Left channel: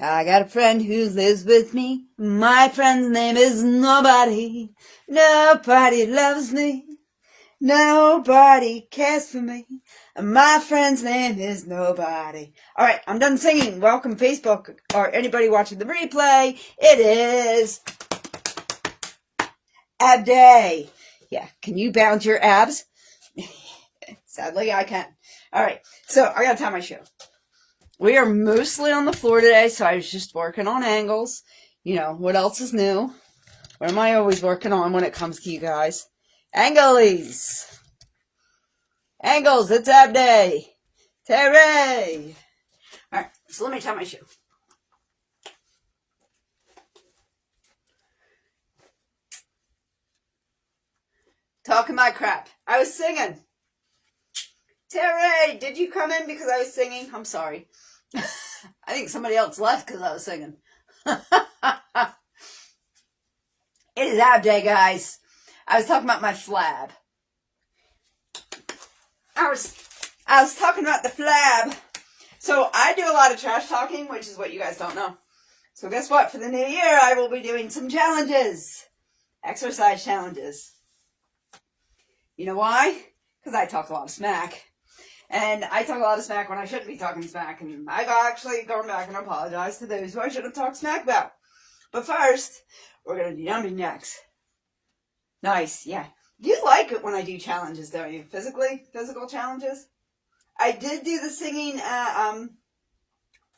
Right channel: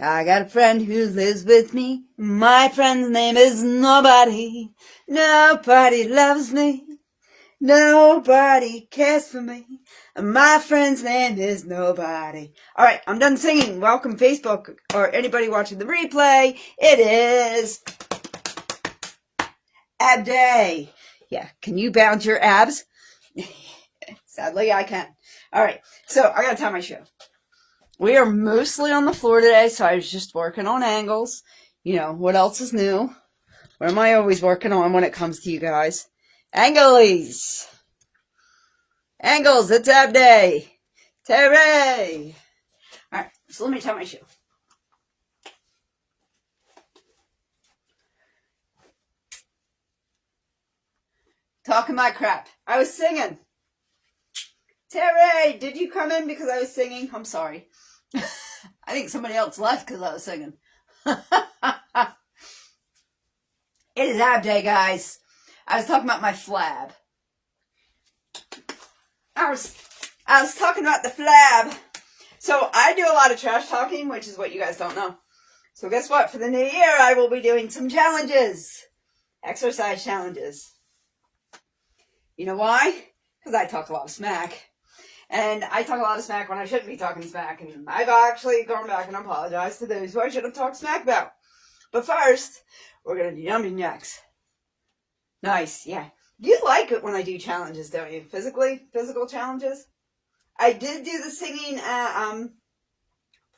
I got a friend who lives with me. My friend's name is Nobody. Nobody loves me. Nobody cares for me. My friend's name is Nobody. Alright, I'm done singing. Welcome Facebook or anybody watching the replay. It is ab day. Yeah, can you bounce your abs? Sadly, I can. Alright, so I gotta tell my show. We are mostly on the floor today, so I was just working on angles. You know, what else is new? What am I always working on when it comes to you guys? Anglies! Angles, it's ab day! Hooray! Alright, so let me tell my show. Talking my crap. I was singing. Terry, did you come in because I was singing? I'm sorry. I think somebody else left because I was singing. It is ab day, guys. I was talking about my flab. I was talking about the flab. So I do a lot of trash talking, which is what you guys don't know. So guess what? For the new year, I will be doing some challenges. Exercise challenges. You know why? Because I talk a lot of smack. And I talk a lot of smack when I shouldn't be talking smack. And I've actually gone back and apologized to those who I should have talked smack about. But first, we're going to do jumping jacks. Nice, yeah. You like it when I do challenges, don't you? Physical challenges? I did do the singing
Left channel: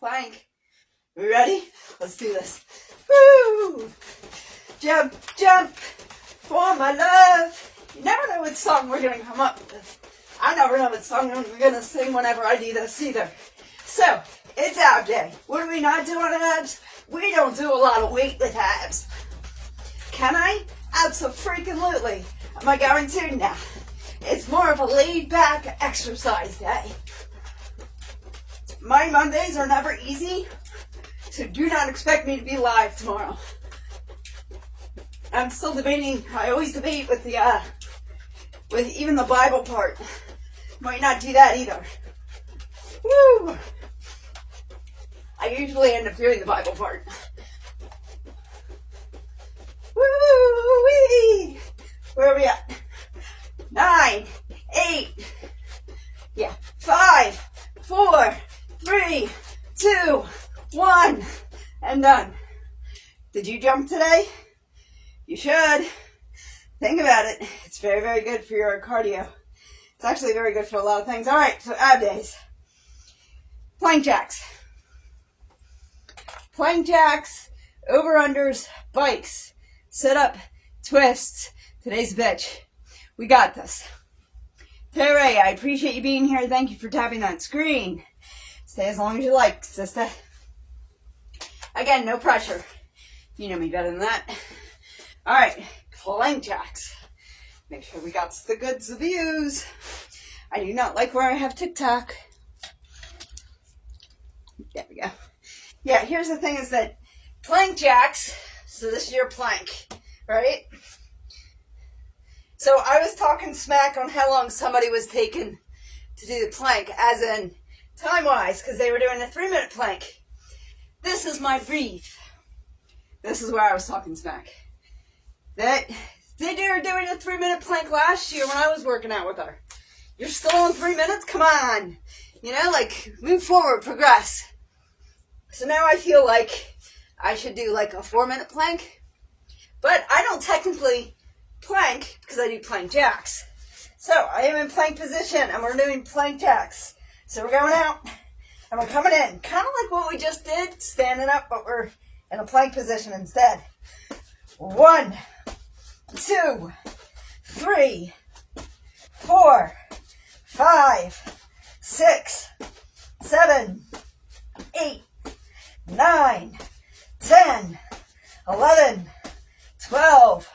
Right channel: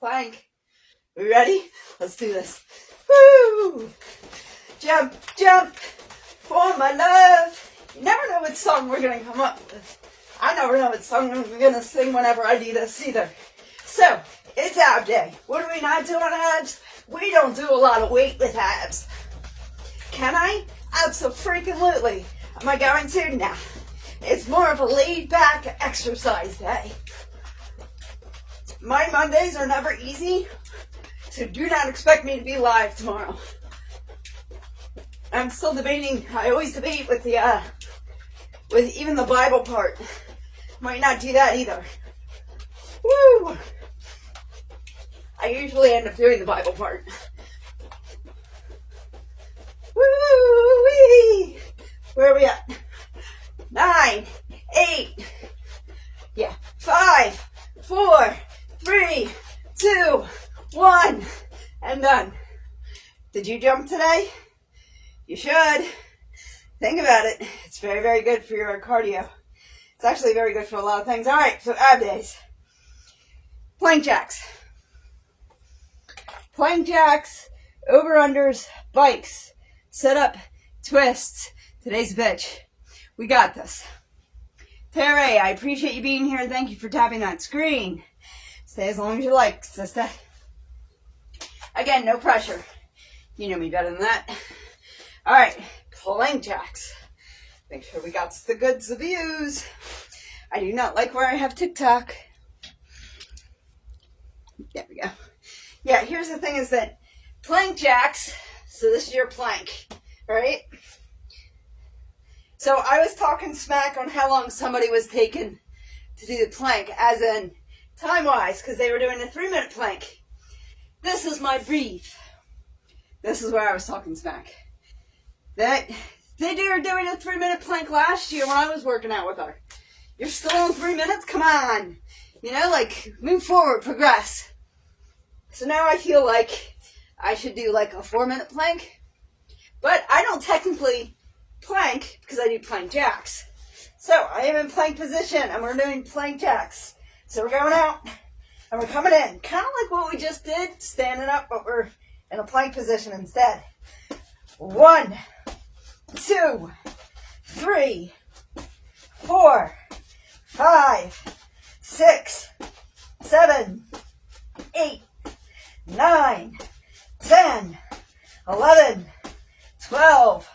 plank. Are we ready? Let's do this. Woo! Jump, jump for my love. You never know what song we're going to come up with. I never know what song we're going to sing whenever I do this either. So, it's ab day. What do we not do on abs? We don't do a lot of weight with abs. Can I? Absolutely. Am I going to? Nah. It's more of a laid-back exercise day. My Mondays are never easy, so do not expect me to be live tomorrow. I'm still debating. I always debate with even the Bible part. Might not do that either. Woo! I usually end up doing the Bible part. Woo-wee! Where are we at? 9, 8, yeah, 5, 4, 3, 2, 1, and done. Did you jump today? You should. Think about it. It's very, very good for your cardio. It's actually very good for a lot of things. All right, so ab days. Plank jacks. Plank jacks, over-unders, bikes, sit-up, twists. Today's a bitch. We got this. Terry, I appreciate you being here. Thank you for tapping that screen. Stay as long as you like, sister. Again, no pressure. You know me better than that. All right, plank jacks. Make sure we got the goods of views. I do not like where I have TikTok. There we go. Yeah, here's the thing is that plank jacks, so this is your plank, right? So I was talking smack on how long somebody was taking to do the plank, as in time-wise, because they were doing a 3-minute plank. This is my brief. This is where I was talking smack. They were doing a 3-minute plank last year when I was working out with her. You're still in 3 minutes? Come on. You know, like, move forward, progress. So now I feel like I should do like a 4-minute plank. But I don't technically plank because I do plank jacks. So I am in plank position and we're doing plank jacks. So we're going out and we're coming in. Kind of like what we just did, standing up, but we're in a plank position instead. 1, 2, 3, 4, 5, 6, 7, 8, 9, 10, 11, 12,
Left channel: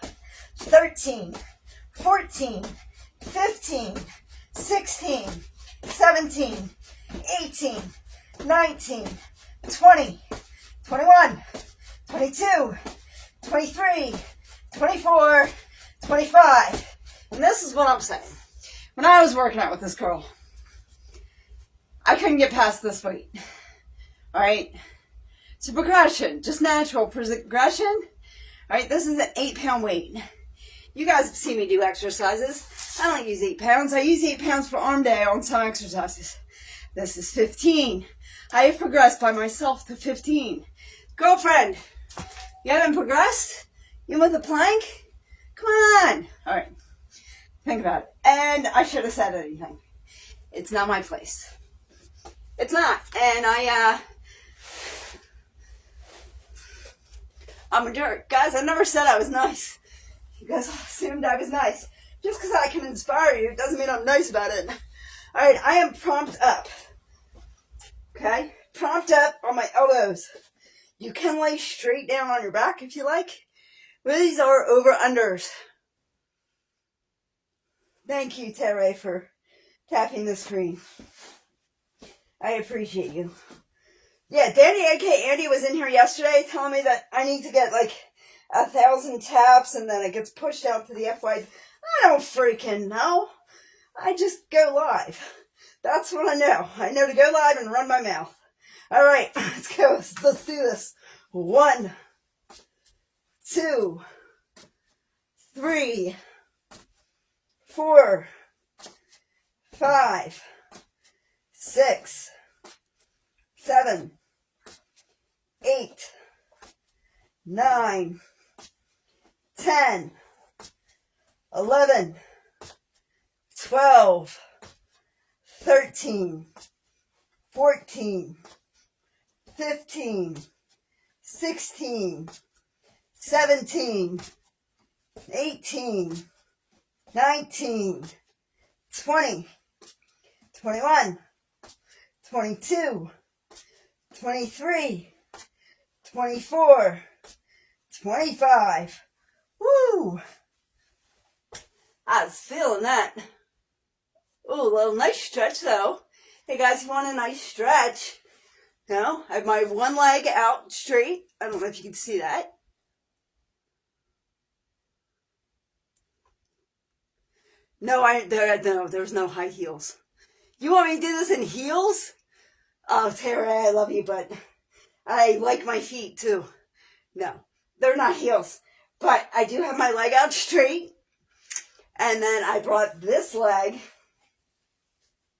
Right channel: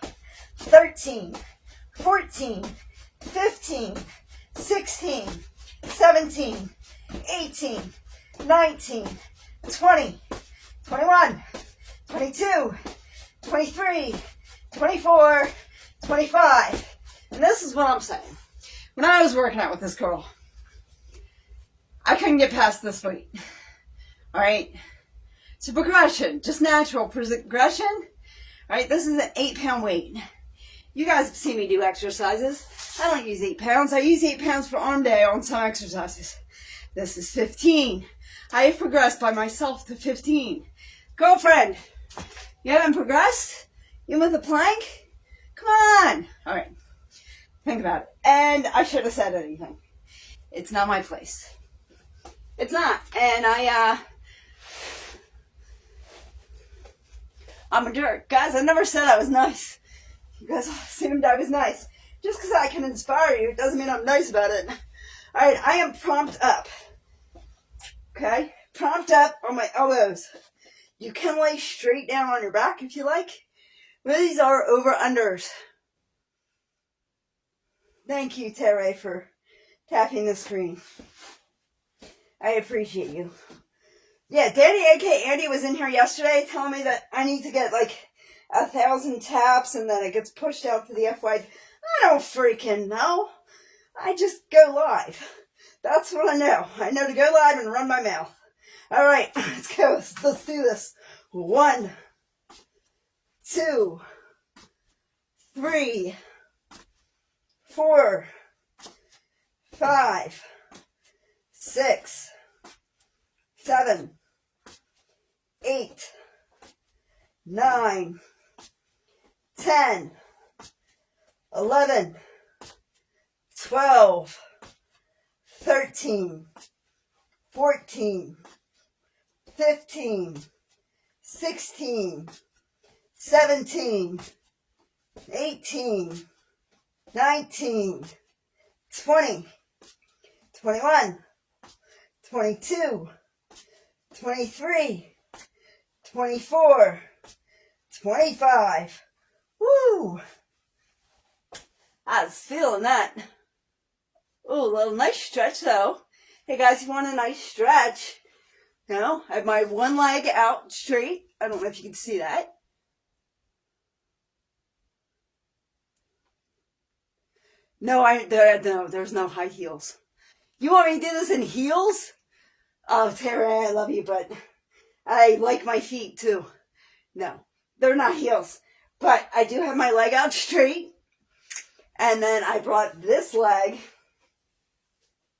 13, 14, 15, 16, 17, 18, 19, 20, 21, 22, 23, 24, 25. And this is what I'm saying. When I was working out with this girl, I couldn't get past this weight. Alright? It's a progression, just natural progression. All right, this is an 8-pound weight. You guys have seen me do exercises. I don't use 8 pounds. I use 8 pounds for arm day on some exercises. This is 15. I have progressed by myself to 15. Girlfriend, you haven't progressed? You with a plank? Come on. All right, think about it. And I should have said anything. It's not my place. It's not. And I'm a jerk. Guys, I never said I was nice. You guys assumed I was nice. Just because I can inspire you doesn't mean I'm nice about it. All right, I am prompt up. Okay? Prompt up on my elbows. You can lay straight down on your back if you like. These are over-unders. Thank you, Terry, for tapping the screen. I appreciate you. Yeah, Daddy AK Andy was in here yesterday telling me that I need to get like 1,000 taps and then it gets pushed out to the FY. I don't freaking know. I just go live. That's what I know. I know to go live and run my mouth. All right, let's go. Let's do this. 1, 2, 3, 4, 5, 6, 7, 8, 9, 10, 11, 12, 13, 14, 15, 16, 17, 18, 19, 20, 21, 22, 23, 24, 25. Woo! I was feeling that. Ooh, a little nice stretch though. Hey guys, if you want a nice stretch, you know, I have my one leg out straight. I don't know if you can see that. No, there's no high heels. You want me to do this in heels? Oh, Tara, I love you, but I like my feet too. No, they're not heels. But I do have my leg out straight. And then I brought this leg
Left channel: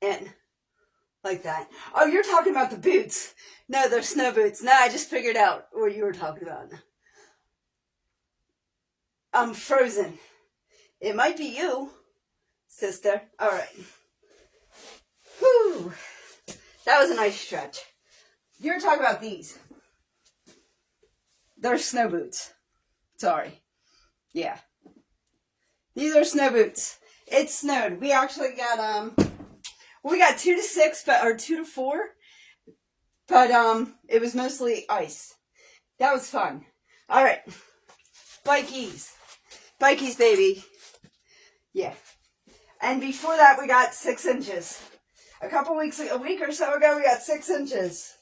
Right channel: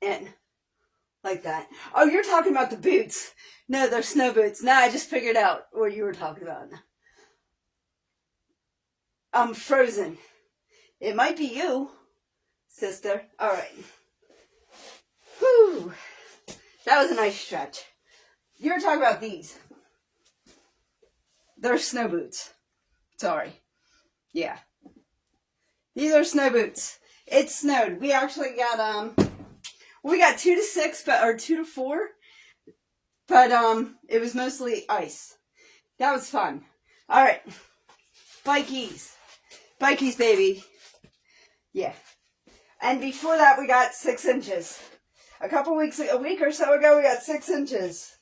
in like that. Oh, you're talking about the boots. No, they're snow boots. No, I just figured out what you were talking about. I'm frozen. It might be you, sister. All right. Whew. That was a nice stretch. You were talking about these. They're snow boots. Sorry. Yeah. These are snow boots. It snowed. We actually got, we got 2 to 6, or 2 to 4. But, it was mostly ice. That was fun. All right. Bikies. Bikies, baby. Yeah. And before that, we got 6 inches. A week or so ago, we got 6 inches.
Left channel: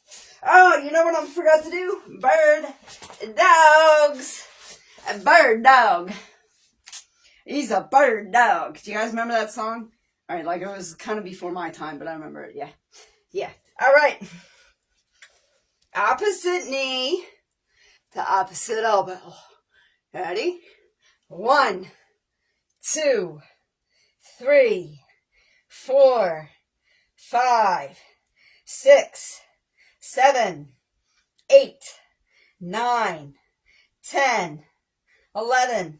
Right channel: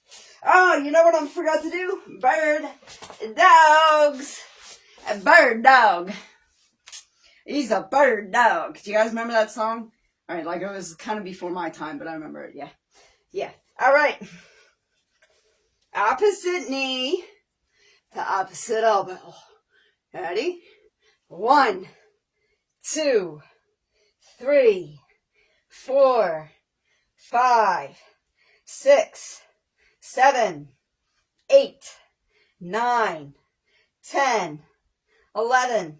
Oh, you know what I forgot to do? Bird dogs. A bird dog. He's a bird dog. Do you guys remember that song? All right, like it was kind of before my time, but I remember it. Yeah. Yeah. All right. Opposite knee to opposite elbow. Ready? 1, 2, 3, 4, 5, 6, 7, 8, 9, 10, 11,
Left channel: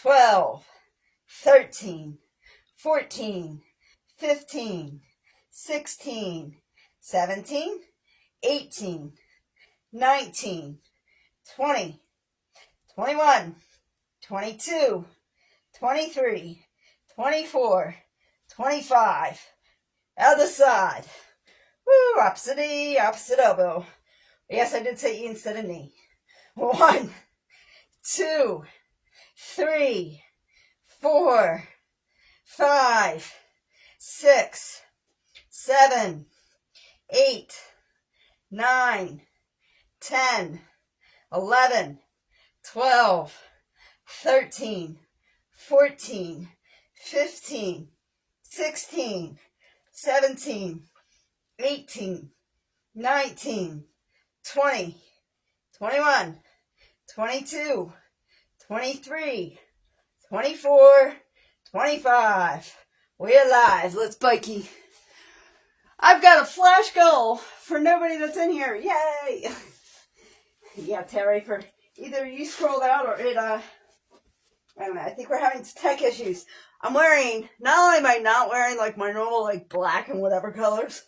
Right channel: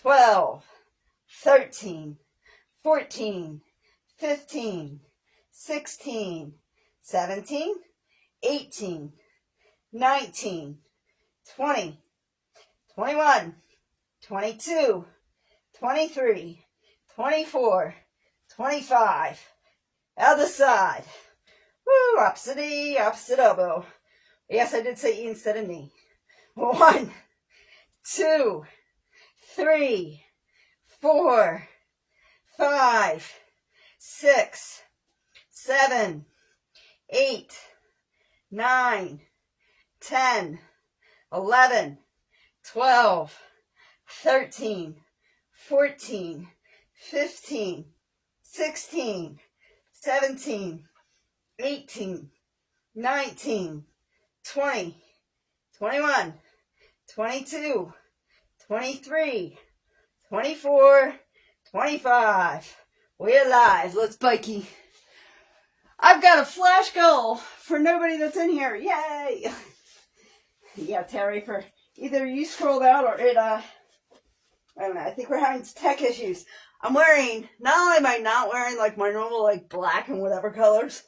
12, 13, 14, 15, 16, 17, 18, 19, 20, 21, 22, 23, 24, 25. Other side. Woo, opposite knee, opposite elbow. Yes, I did say E instead of knee. 1, 2, 3, 4, 5, 6, 7, 8, 9, 10, 11, 12, 13, 14, 15, 16, 17, 18, 19, 20, 21, 22, 23, 24, 25. We're live. Let's bikey. I've got a flash goal for nobody that's in here. Yay! Yeah, Terry, for either you scrolled out or it, I don't know. I think we're having tech issues. I'm wearing, not only am I not wearing like my normal like black and whatever colors,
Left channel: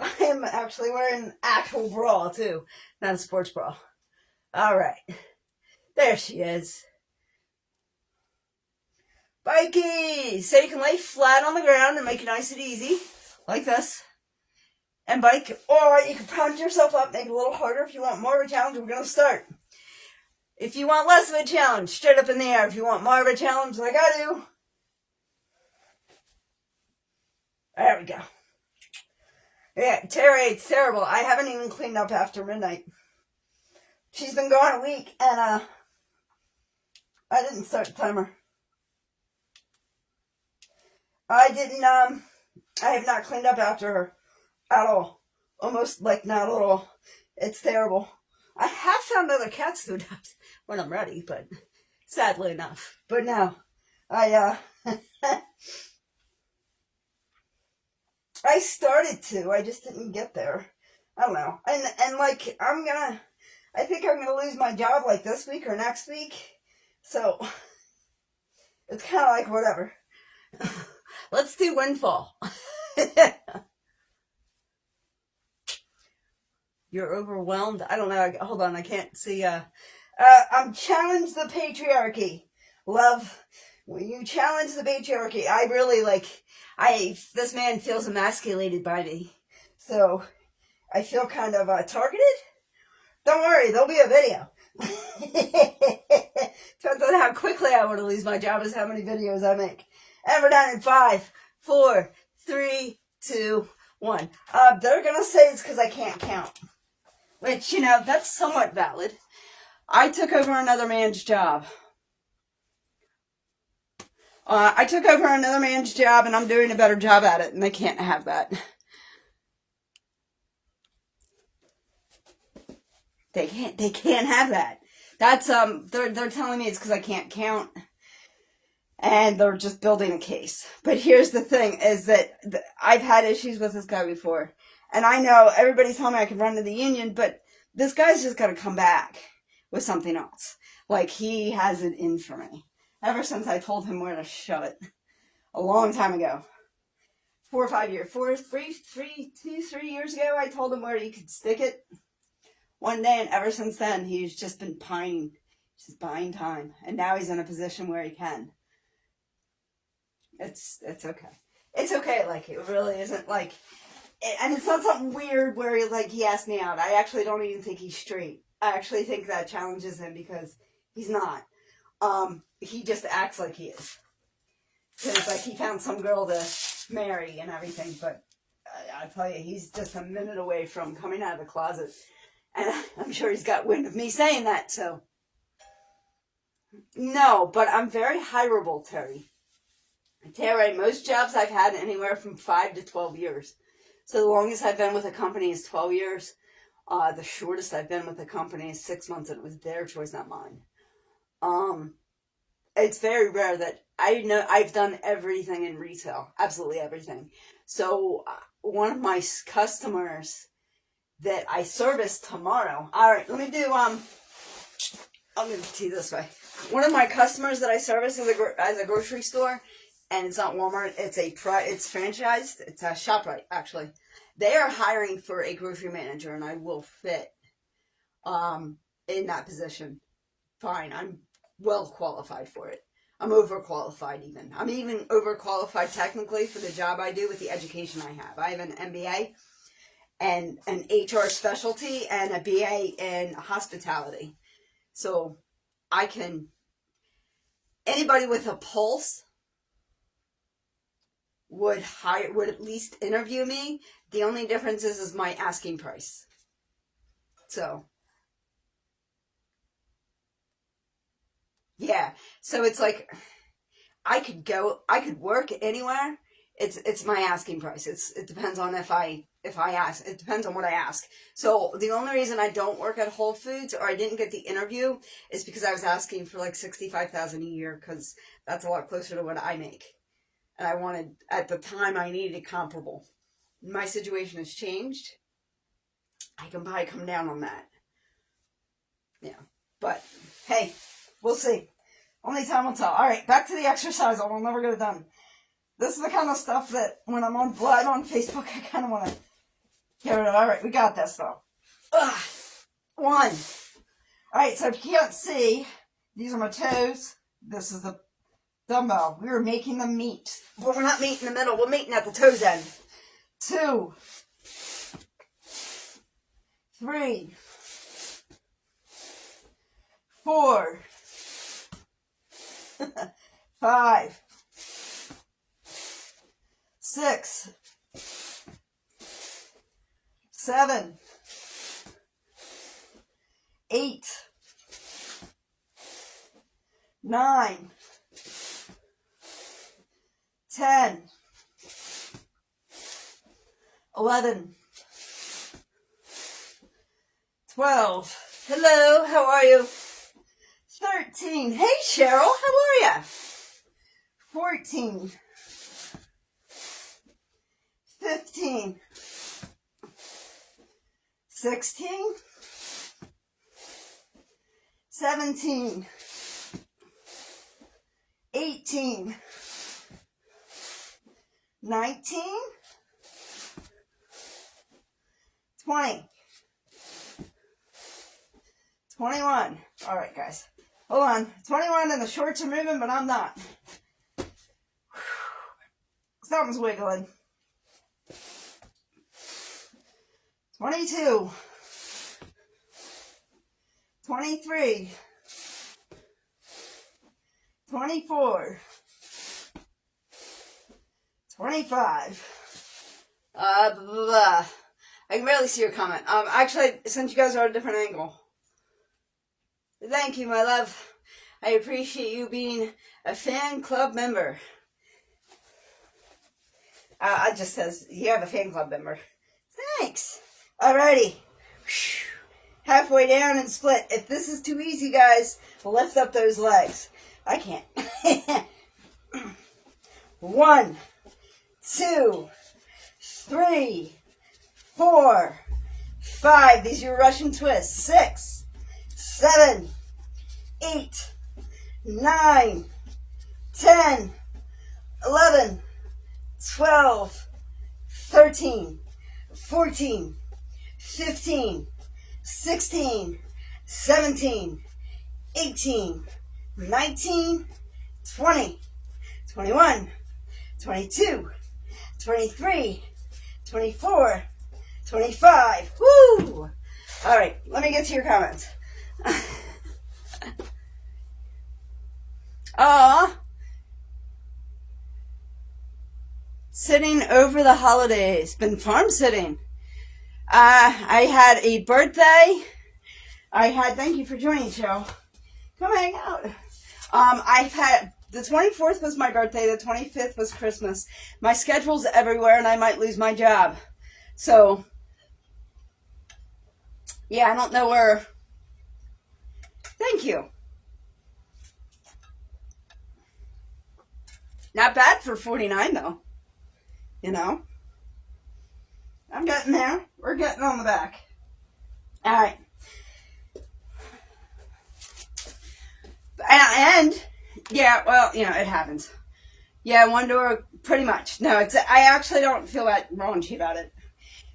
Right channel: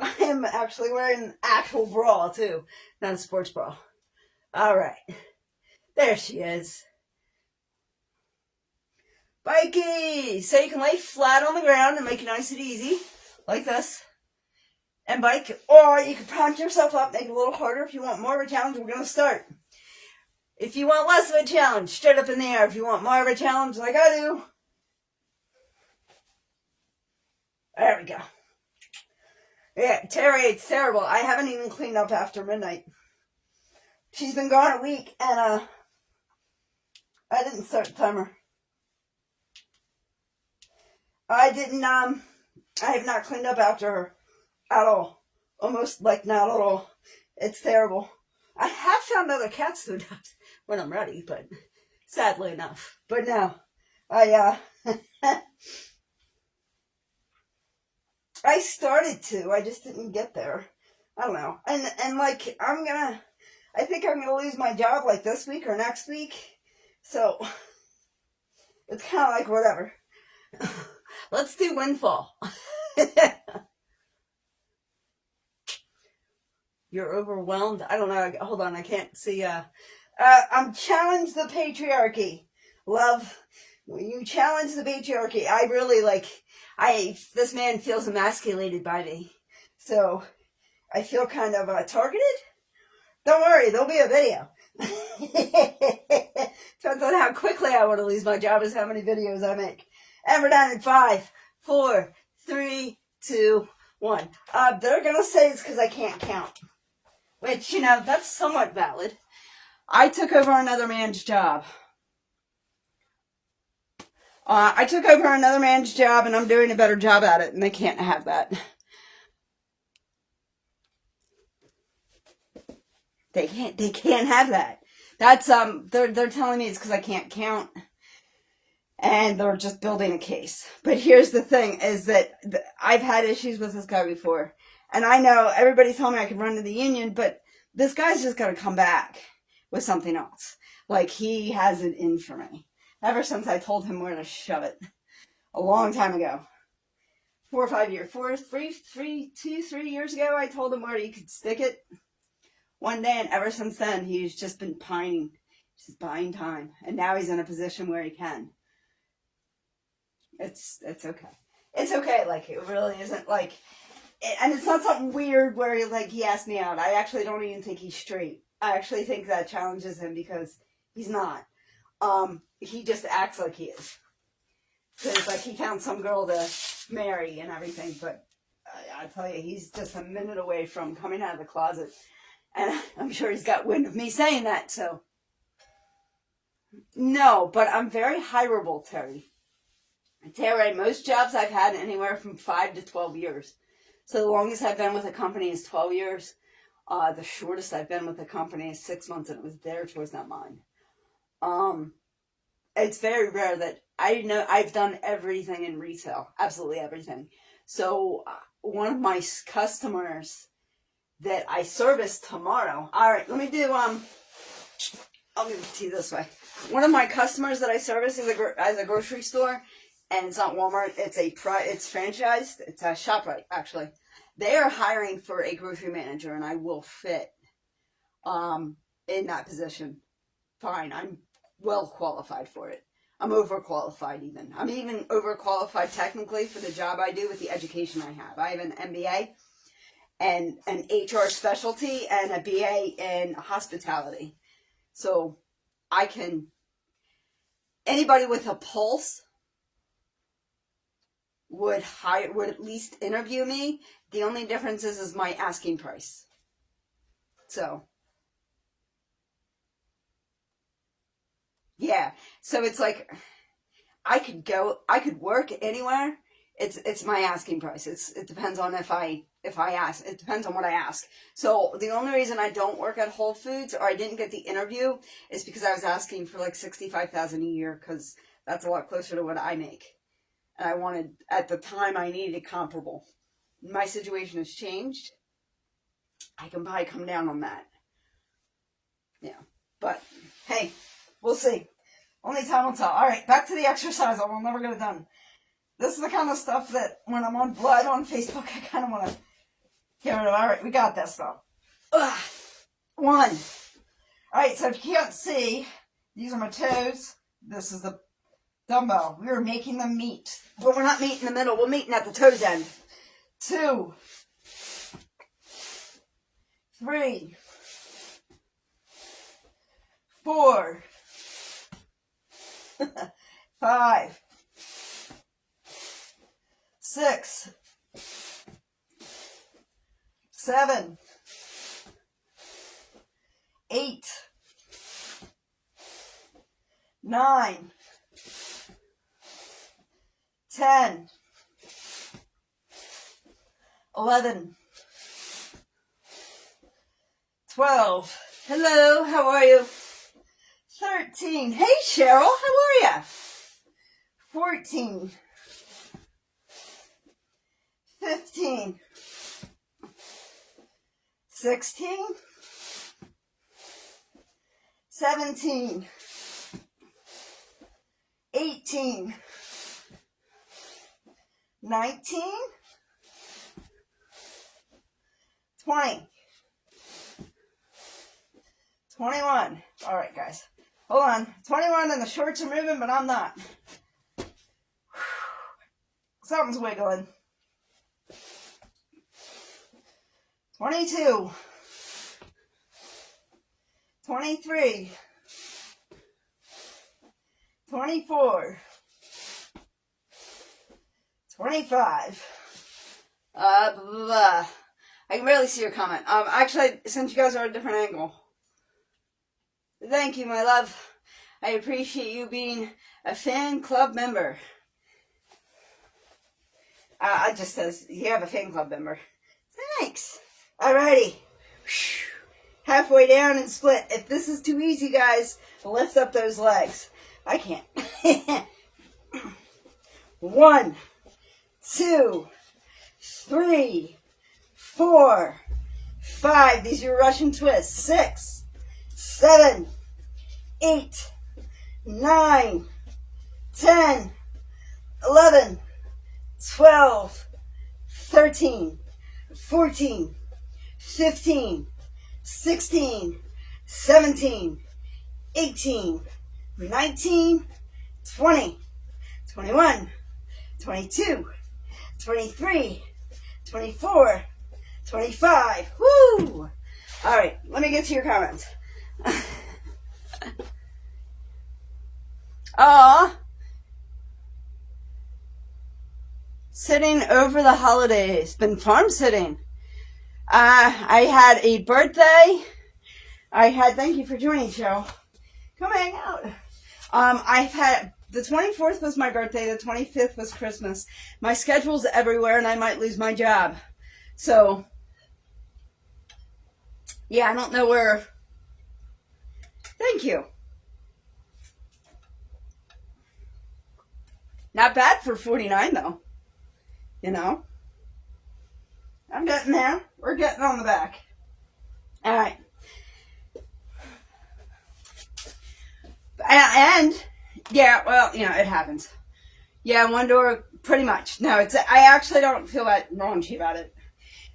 I am actually wearing an actual bra too, not a sports bra. All right. There she is. Bikey! So you can lay flat on the ground and make it nice and easy, like this. And bike, or you can pound yourself up, make it a little harder. If you want more of a challenge, we're going to start. If you want less of a challenge, straight up in the air. If you want more of a challenge, like I do. There we go. Yeah, Terry, it's terrible. I haven't even cleaned up after midnight. She's been gone a week, and I didn't start the timer. I have not cleaned up after her at all. Almost like not at all. It's terrible. I have found other cats to adopt when I'm ready, but sadly enough. But no, I started to. I just didn't get there. I don't know. And like I think I'm gonna lose my job like this week or next week. So it's kind of like whatever. Let's do Windfall. You're overwhelmed. I don't know. Hold on. I can't see. I'm challenge the patriarchy. Love, when you challenge the patriarchy, I really this man feels emasculated by me. So I feel kind of targeted. Don't worry. There'll be a video. Depends on how quickly I want to lose my job is how many videos I make. And we're done in 5, 4, 3, 2, 1. They're going to say it's because I can't count. Which, that's somewhat valid. I took over another man's job. I took over another man's job, and I'm doing a better job at it, and they can't have that. They can't have that. That's, they're telling me it's because I can't count. And they're just building a case. But here's the thing, is that I've had issues with this guy before. And I know everybody's telling me I can run to the union, but this guy's just got to come back with something else. Like, he has it in for me. Ever since I told him where to shove it. A long time ago. 4 or 5 years. 3 years ago, I told him where he could stick it. One day, and ever since then, he's just been pining. Just buying time. And now he's in a position where he can. It's okay. It's okay, like, it really isn't, like, and it's not something weird where, like, he asked me out. I actually don't even think he's straight. I actually think that challenges him because he's not. He just acts like he is. So it's like he found some girl to marry and everything, but I tell you, he's just a minute away from coming out of the closet. And I'm sure he's got wind of me saying that, so. No, but I'm very hireable, Terry. Terry, most jobs I've had anywhere from 5 to 12 years. So the longest I've been with a company is 12 years. The shortest I've been with a company is 6 months, and it was their choice, not mine. It's very rare that I've done everything in retail, absolutely everything. So one of my customers that I service tomorrow. All right, let me do. I'll give it to you this way. One of my customers that I service as a grocery store. And it's not Walmart. It's franchised. It's a ShopRite, actually. They are hiring for a grocery manager, and I will fit in that position. Fine, I'm well qualified for it. I'm overqualified even. I'm even overqualified technically for the job I do with the education I have. I have an MBA and an HR specialty and a BA in hospitality. So I can, anybody with a pulse would at least interview me. The only difference is my asking price. So yeah. So it's like I could work anywhere it's my asking price. It depends on if I ask. It depends on what I ask. So the only reason I don't work at Whole Foods, or I didn't get the interview, is because I was asking for like $65,000 a year, because that's a lot closer to what I make. And I wanted, at the time, I needed a comparable. My situation has changed. I can probably come down on that. Yeah. But, hey, we'll see. Only time will tell. All right, back to the exercise. I will never get it done. This is the kind of stuff that when I'm on live on Facebook, I kind of want to get rid of. All right, we got this, though. Ugh. 1. All right, so if you can't see, these are my toes. This is the dumbbell. We were making them meet. But we're not meeting in the middle. We're meeting at the toes end. 2. 3. 4. 5. 6. 7. 8. 9. 10. 11. 12. Hello, how are you? 13. Hey, Cheryl, how are ya? 14. 15. 16. 17. 18. 19. 20. 21. All right, guys. Hold on. 21 and the shorts are moving, but I'm not. Something's wiggling. 22. 23. 24. 25. Blah, blah. I can barely see your comment. Actually, I sent you guys on a different angle. Thank you, my love. I appreciate you being a fan club member. I just says, you have a fan club member. Thanks. Alrighty. Halfway down and split. If this is too easy, guys, lift up those legs. I can't. 1, 2, 3, 4, 5. These are your Russian twists. 6, 7, 8, 9, 10, 11, 12, 13, 14, 15, 16, 17, 18, 19, 20, 21, 22, 23, 24, 25. Woo! All right, let me get to your comments. Sitting over the holidays. Been farm sitting. I had a birthday. Thank you for joining, Cheryl. Come hang out. I've had, the 24th was my birthday, the 25th was Christmas. My schedule's everywhere and I might lose my job. So, yeah, I don't know where. Thank you. Not bad for 49 though. You know? I'm getting there. We're getting on the back. Alright. And, yeah, well, you know, it happens. Yeah, one door, pretty much. No, I actually don't feel that raunchy about it.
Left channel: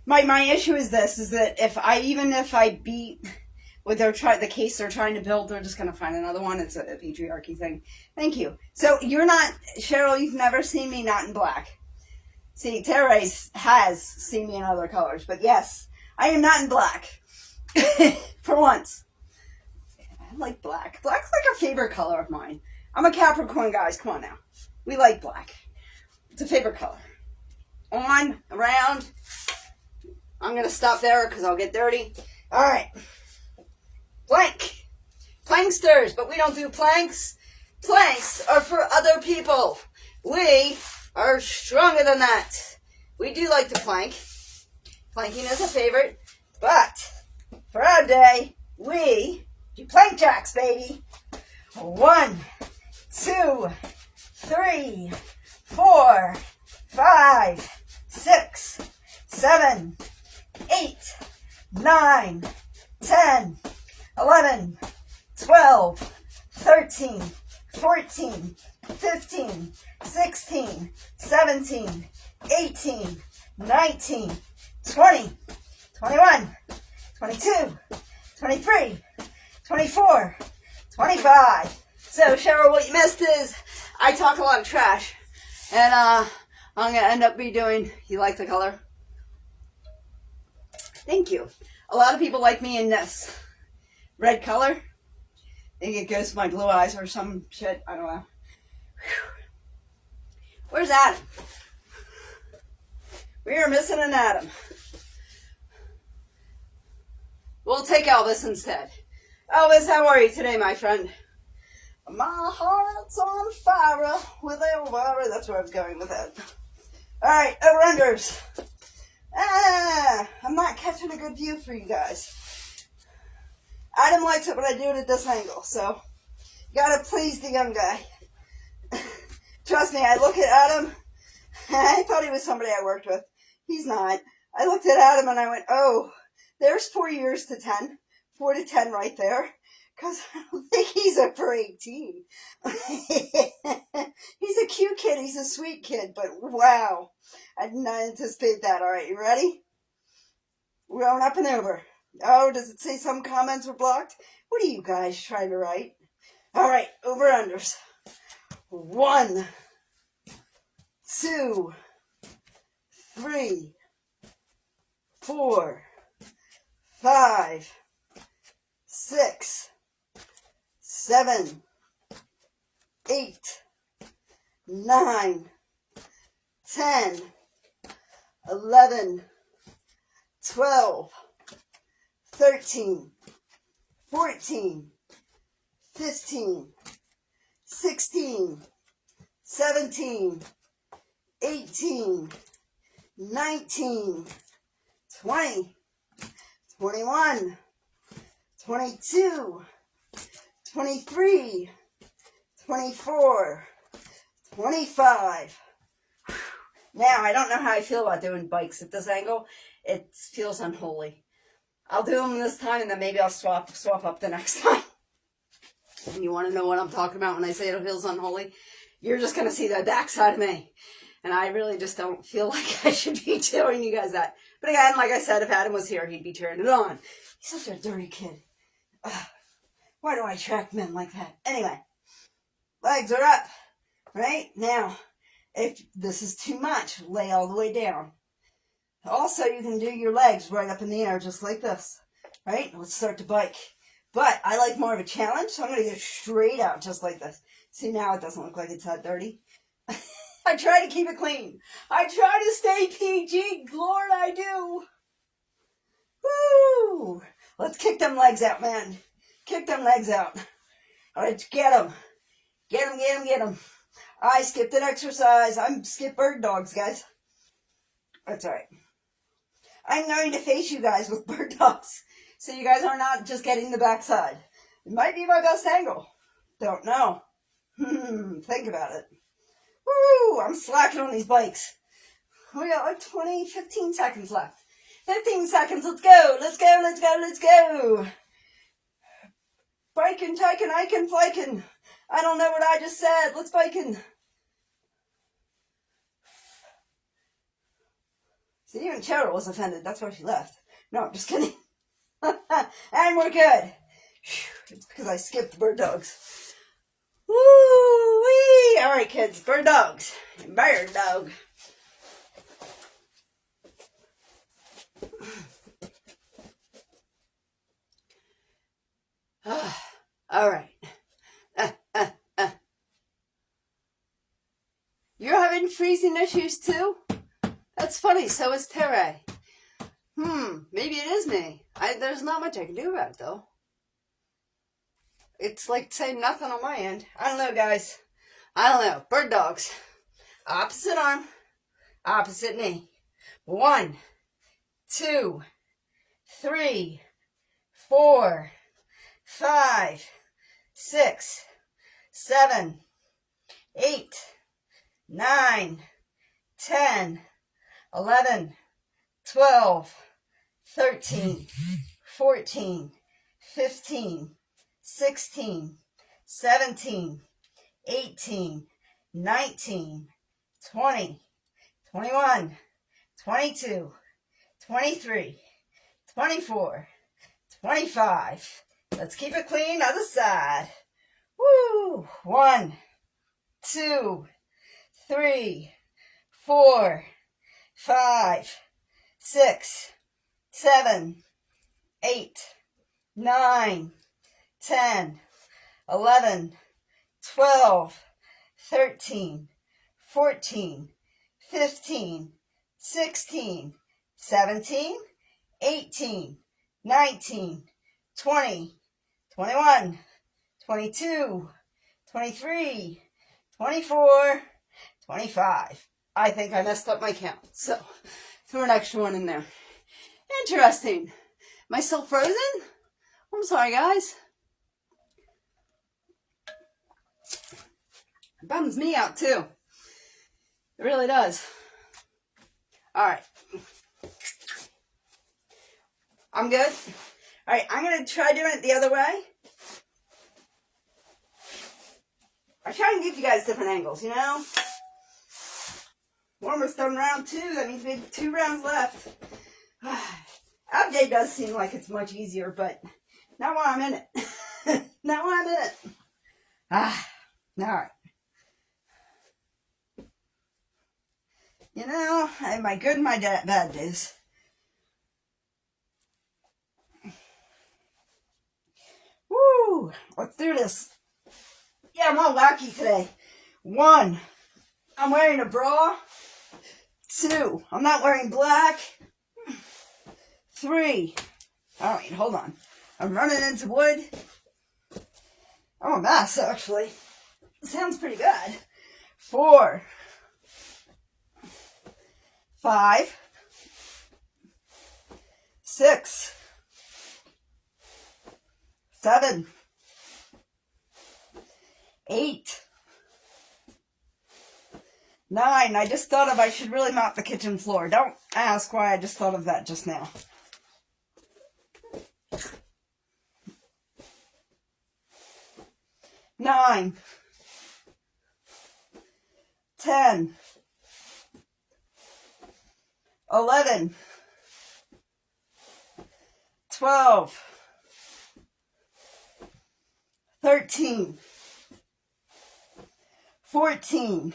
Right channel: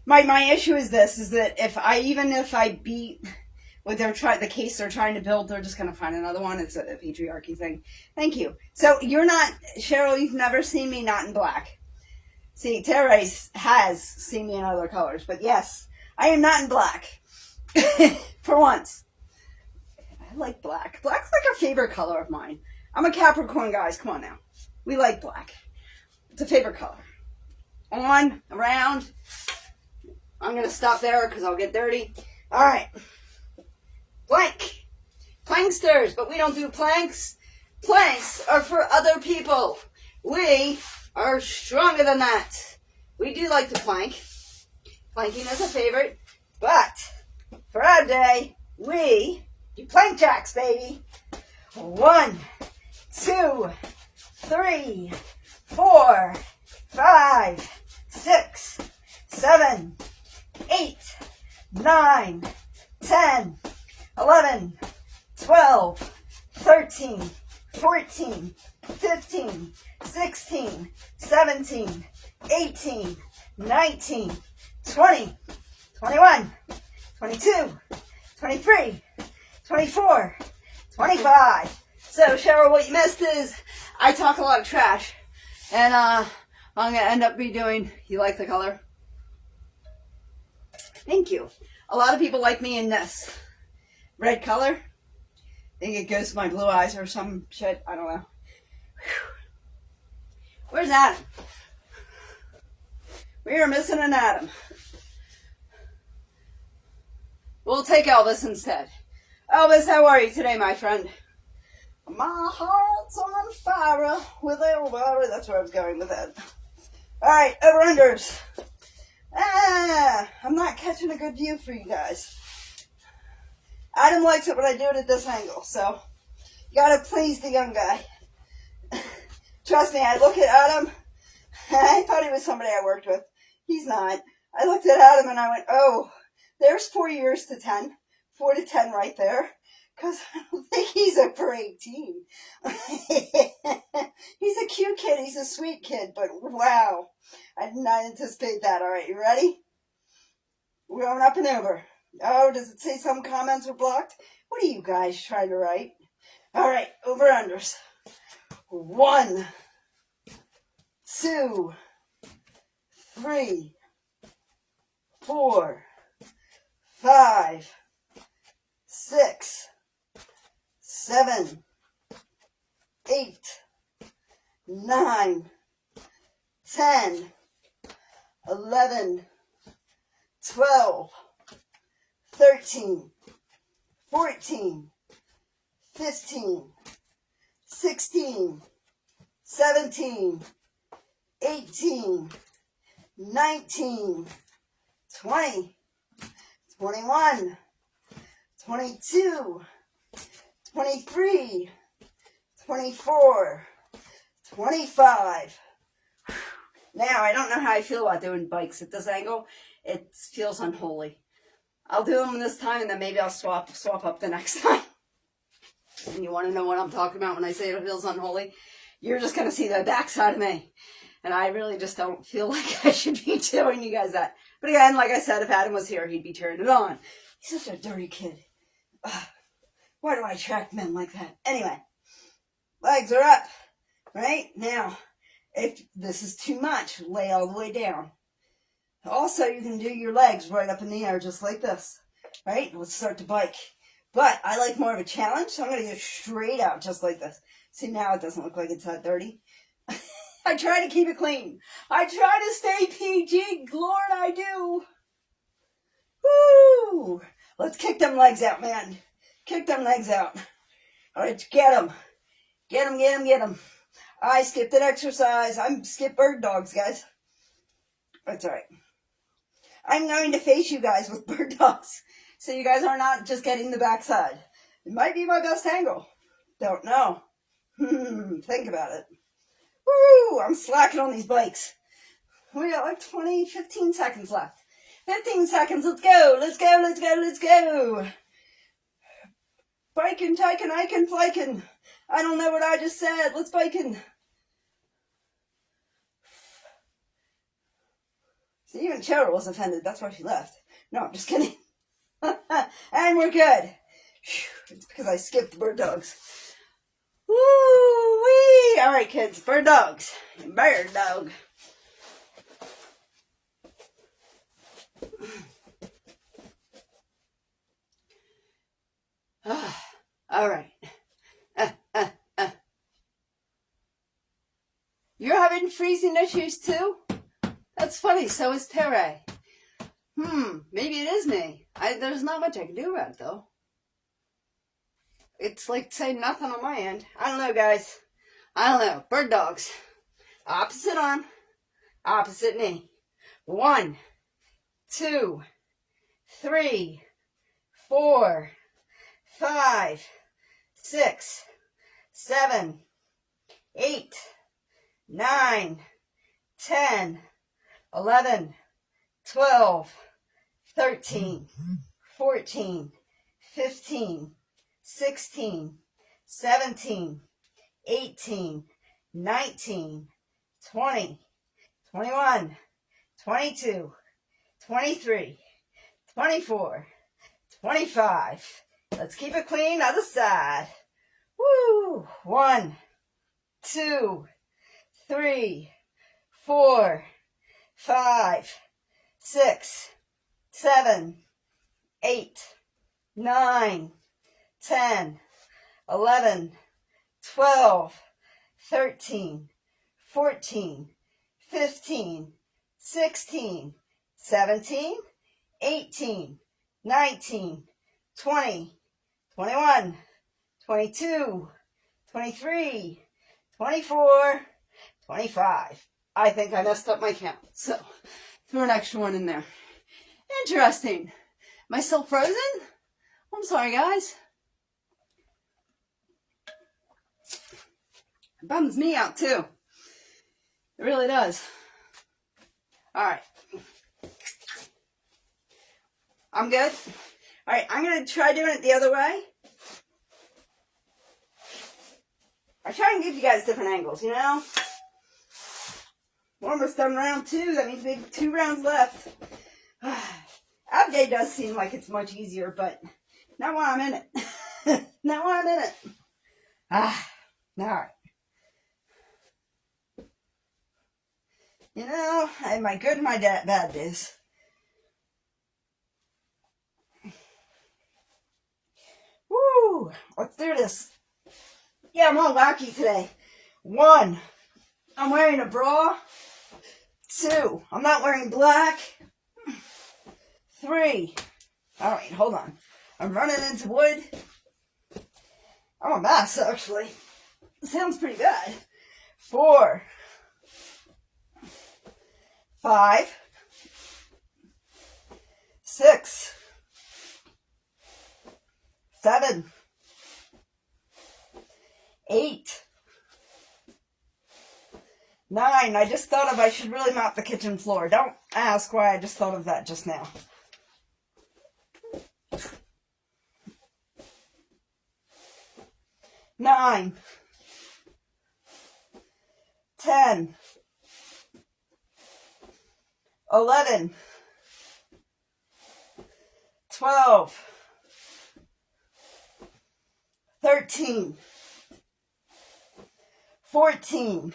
My issue is this, is that if I beat what the case they're trying to build, they're just going to find another one. It's a patriarchy thing. Thank you. So, you're not, Cheryl, you've never seen me not in black. See, Therese has seen me in other colors, but yes, I am not in black. For once. I like black. Black's like a favorite color of mine. I'm a Capricorn, guys. Come on now. We like black. It's a favorite color. On, around. I'm going to stop there because I'll get dirty. All right. Plank. Planksters, but we don't do planks. Planks are for other people. We are stronger than that. We do like to plank. Planking is a favorite, but for our day, we do plank jacks, baby. 1, 2, 3, 4, 5, 6, 7, 8, 9, 10, 11, 12, 13, 14, 15, 16, 17, 18, 19, 20, 21, 22, 23, 24, 25. So, Cheryl, what you missed is I talk a lot of trash. And I'm going to end up redoing, you like the color? Thank you. A lot of people like me in this red color. I think it goes with my blue eyes or some shit. I don't know. Where's Adam? We are missing an Adam. We'll take Elvis instead. Elvis, how are you today, my friend? My heart's on fire with Elvira. That's where I was going with that. Alright, over-unders. I'm not catching a good view for you guys. Adam likes it when I do it at this angle, so you gotta please the young guy. Trust me, I look at Adam, I thought he was somebody I worked with. He's not. I looked at Adam and I went, oh, there's 4 years to 10. 4 to 10 right there. Because I don't think he's over 18. He's a cute kid. He's a sweet kid. But wow. I did not anticipate that. All right, you ready? We're going up and over. Oh, does it say some comments were blocked? What are you guys trying to write? All right, over-unders. 1, 2, 3, 4, 5, 6, 7, 8, 9, 10, 11, 12, 13, 14, 15, 16, 17, 18, 19, 20, 21, 22, 23, 24, 25. Now, I don't know how I feel about doing bikes at this angle. It feels unholy. I'll do them this time, and then maybe I'll swap up the next time. And you want to know what I'm talking about when I say it feels unholy? You're just going to see the backside of me. And I really just don't feel like I should be doing you guys that. But again, like I said, if Adam was here, he'd be turning it on. He's such a dirty kid. Ugh. Why do I attract men like that? Anyway, legs are up. Right? Now, if this is too much, lay all the way down. Also, you can do your legs right up in the air just like this. Right? Let's start the bike. But I like more of a challenge, so I'm going to go straight out just like this. See, now it doesn't look like it's that dirty. I try to keep it clean. I try to stay PG. Lord, I do. Woo! Let's kick them legs out, man. Kick them legs out. All right, get them. Get them, get them, get them. I skipped an exercise. I'm skip bird dogs, guys. That's all right. I'm going to face you guys with bird dogs. So you guys are not just getting the backside. It might be my best angle. Don't know. Think about it. Woo! I'm slacking on these bikes. We got like 15 seconds left. 15 seconds. Let's go. Let's go. Let's go. Let's go. Biking, tyking, iking, flyking. I don't know what I just said. Let's biking. See, even Cheryl was offended. That's why she left. No, I'm just kidding. And we're good. It's because I skipped bird dogs. Woo-wee! All right, kids. Bird dogs. Bird dog. All right. You're having freezing issues too? That's funny. So is Terry. Maybe it is me. There's not much I can do about it, though. It's like saying nothing on my end. I don't know, guys. I don't know. Bird dogs. Opposite arm, opposite knee. 1, 2, 3, 4, 5, 6, 7, 8, 9, 10, 11, 12, 13, 14, 15, 16, 17, 18, 19, 20, 21, 22, 23, 24, 25. Let's keep it clean. Other side. Woo! 1, 2, 3, 4, 5, 6, 7, 8, 9, 10, 11, 12, 13, 14, 15, 16, 17, 18, 19, 20, 21, 22, 23, 24, 25. I think I messed up my count, so throw an extra one in there. Interesting. Am I still frozen? I'm sorry, guys. It bums me out, too. It really does. All right. I'm good? All right, I'm going to try doing it the other way. I try and give you guys different angles, you know? We're almost done round 2. That means we have 2 rounds left. Ab day does seem like it's much easier, but not when I'm in it. Not when I'm in it. All right. You know, I have my good and my bad days. Woo! Let's do this. Yeah, I'm all wacky today. 1, I'm wearing a bra. 2, I'm not wearing black. 3, all right, hold on. I'm running into wood. I'm a mess, actually. It sounds pretty good. 4, 5, 6, 7, 8, 9. I just thought of I should really mop the kitchen floor. Don't ask why I just thought of that just now. 9, 10, 11, 12, 13, 14,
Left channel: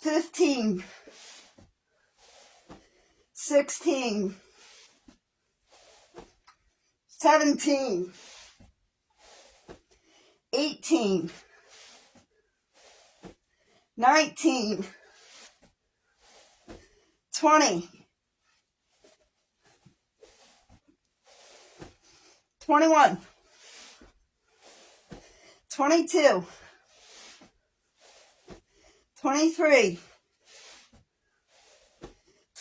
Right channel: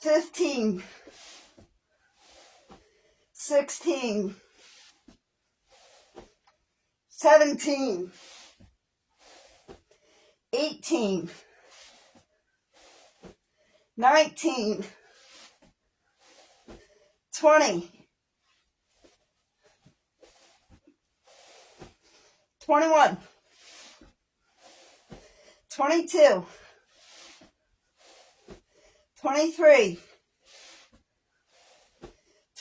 15, 16, 17, 18, 19, 20, 21, 22, 23,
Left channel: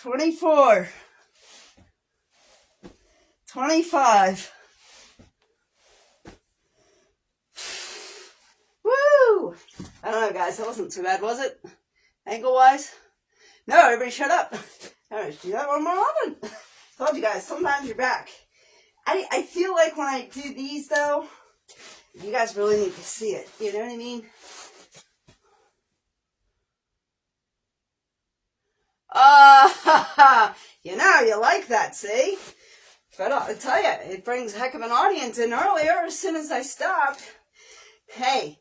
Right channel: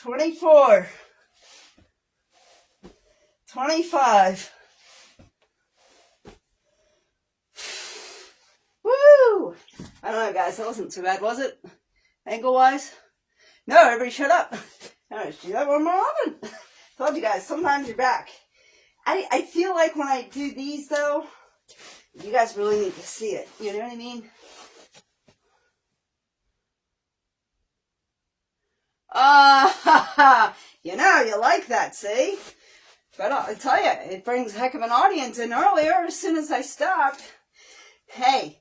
24, 25. Woo! I don't know, guys. That wasn't too bad, was it? Angle-wise? No, everybody shut up. All right, do that one more often. Told you guys, sometimes you're back. I feel like when I do these, though, you guys really need to see it. You know what I mean? You know, you like that, see? But I tell you, it brings a heck of an audience in earlier as soon as I stopped. Hey,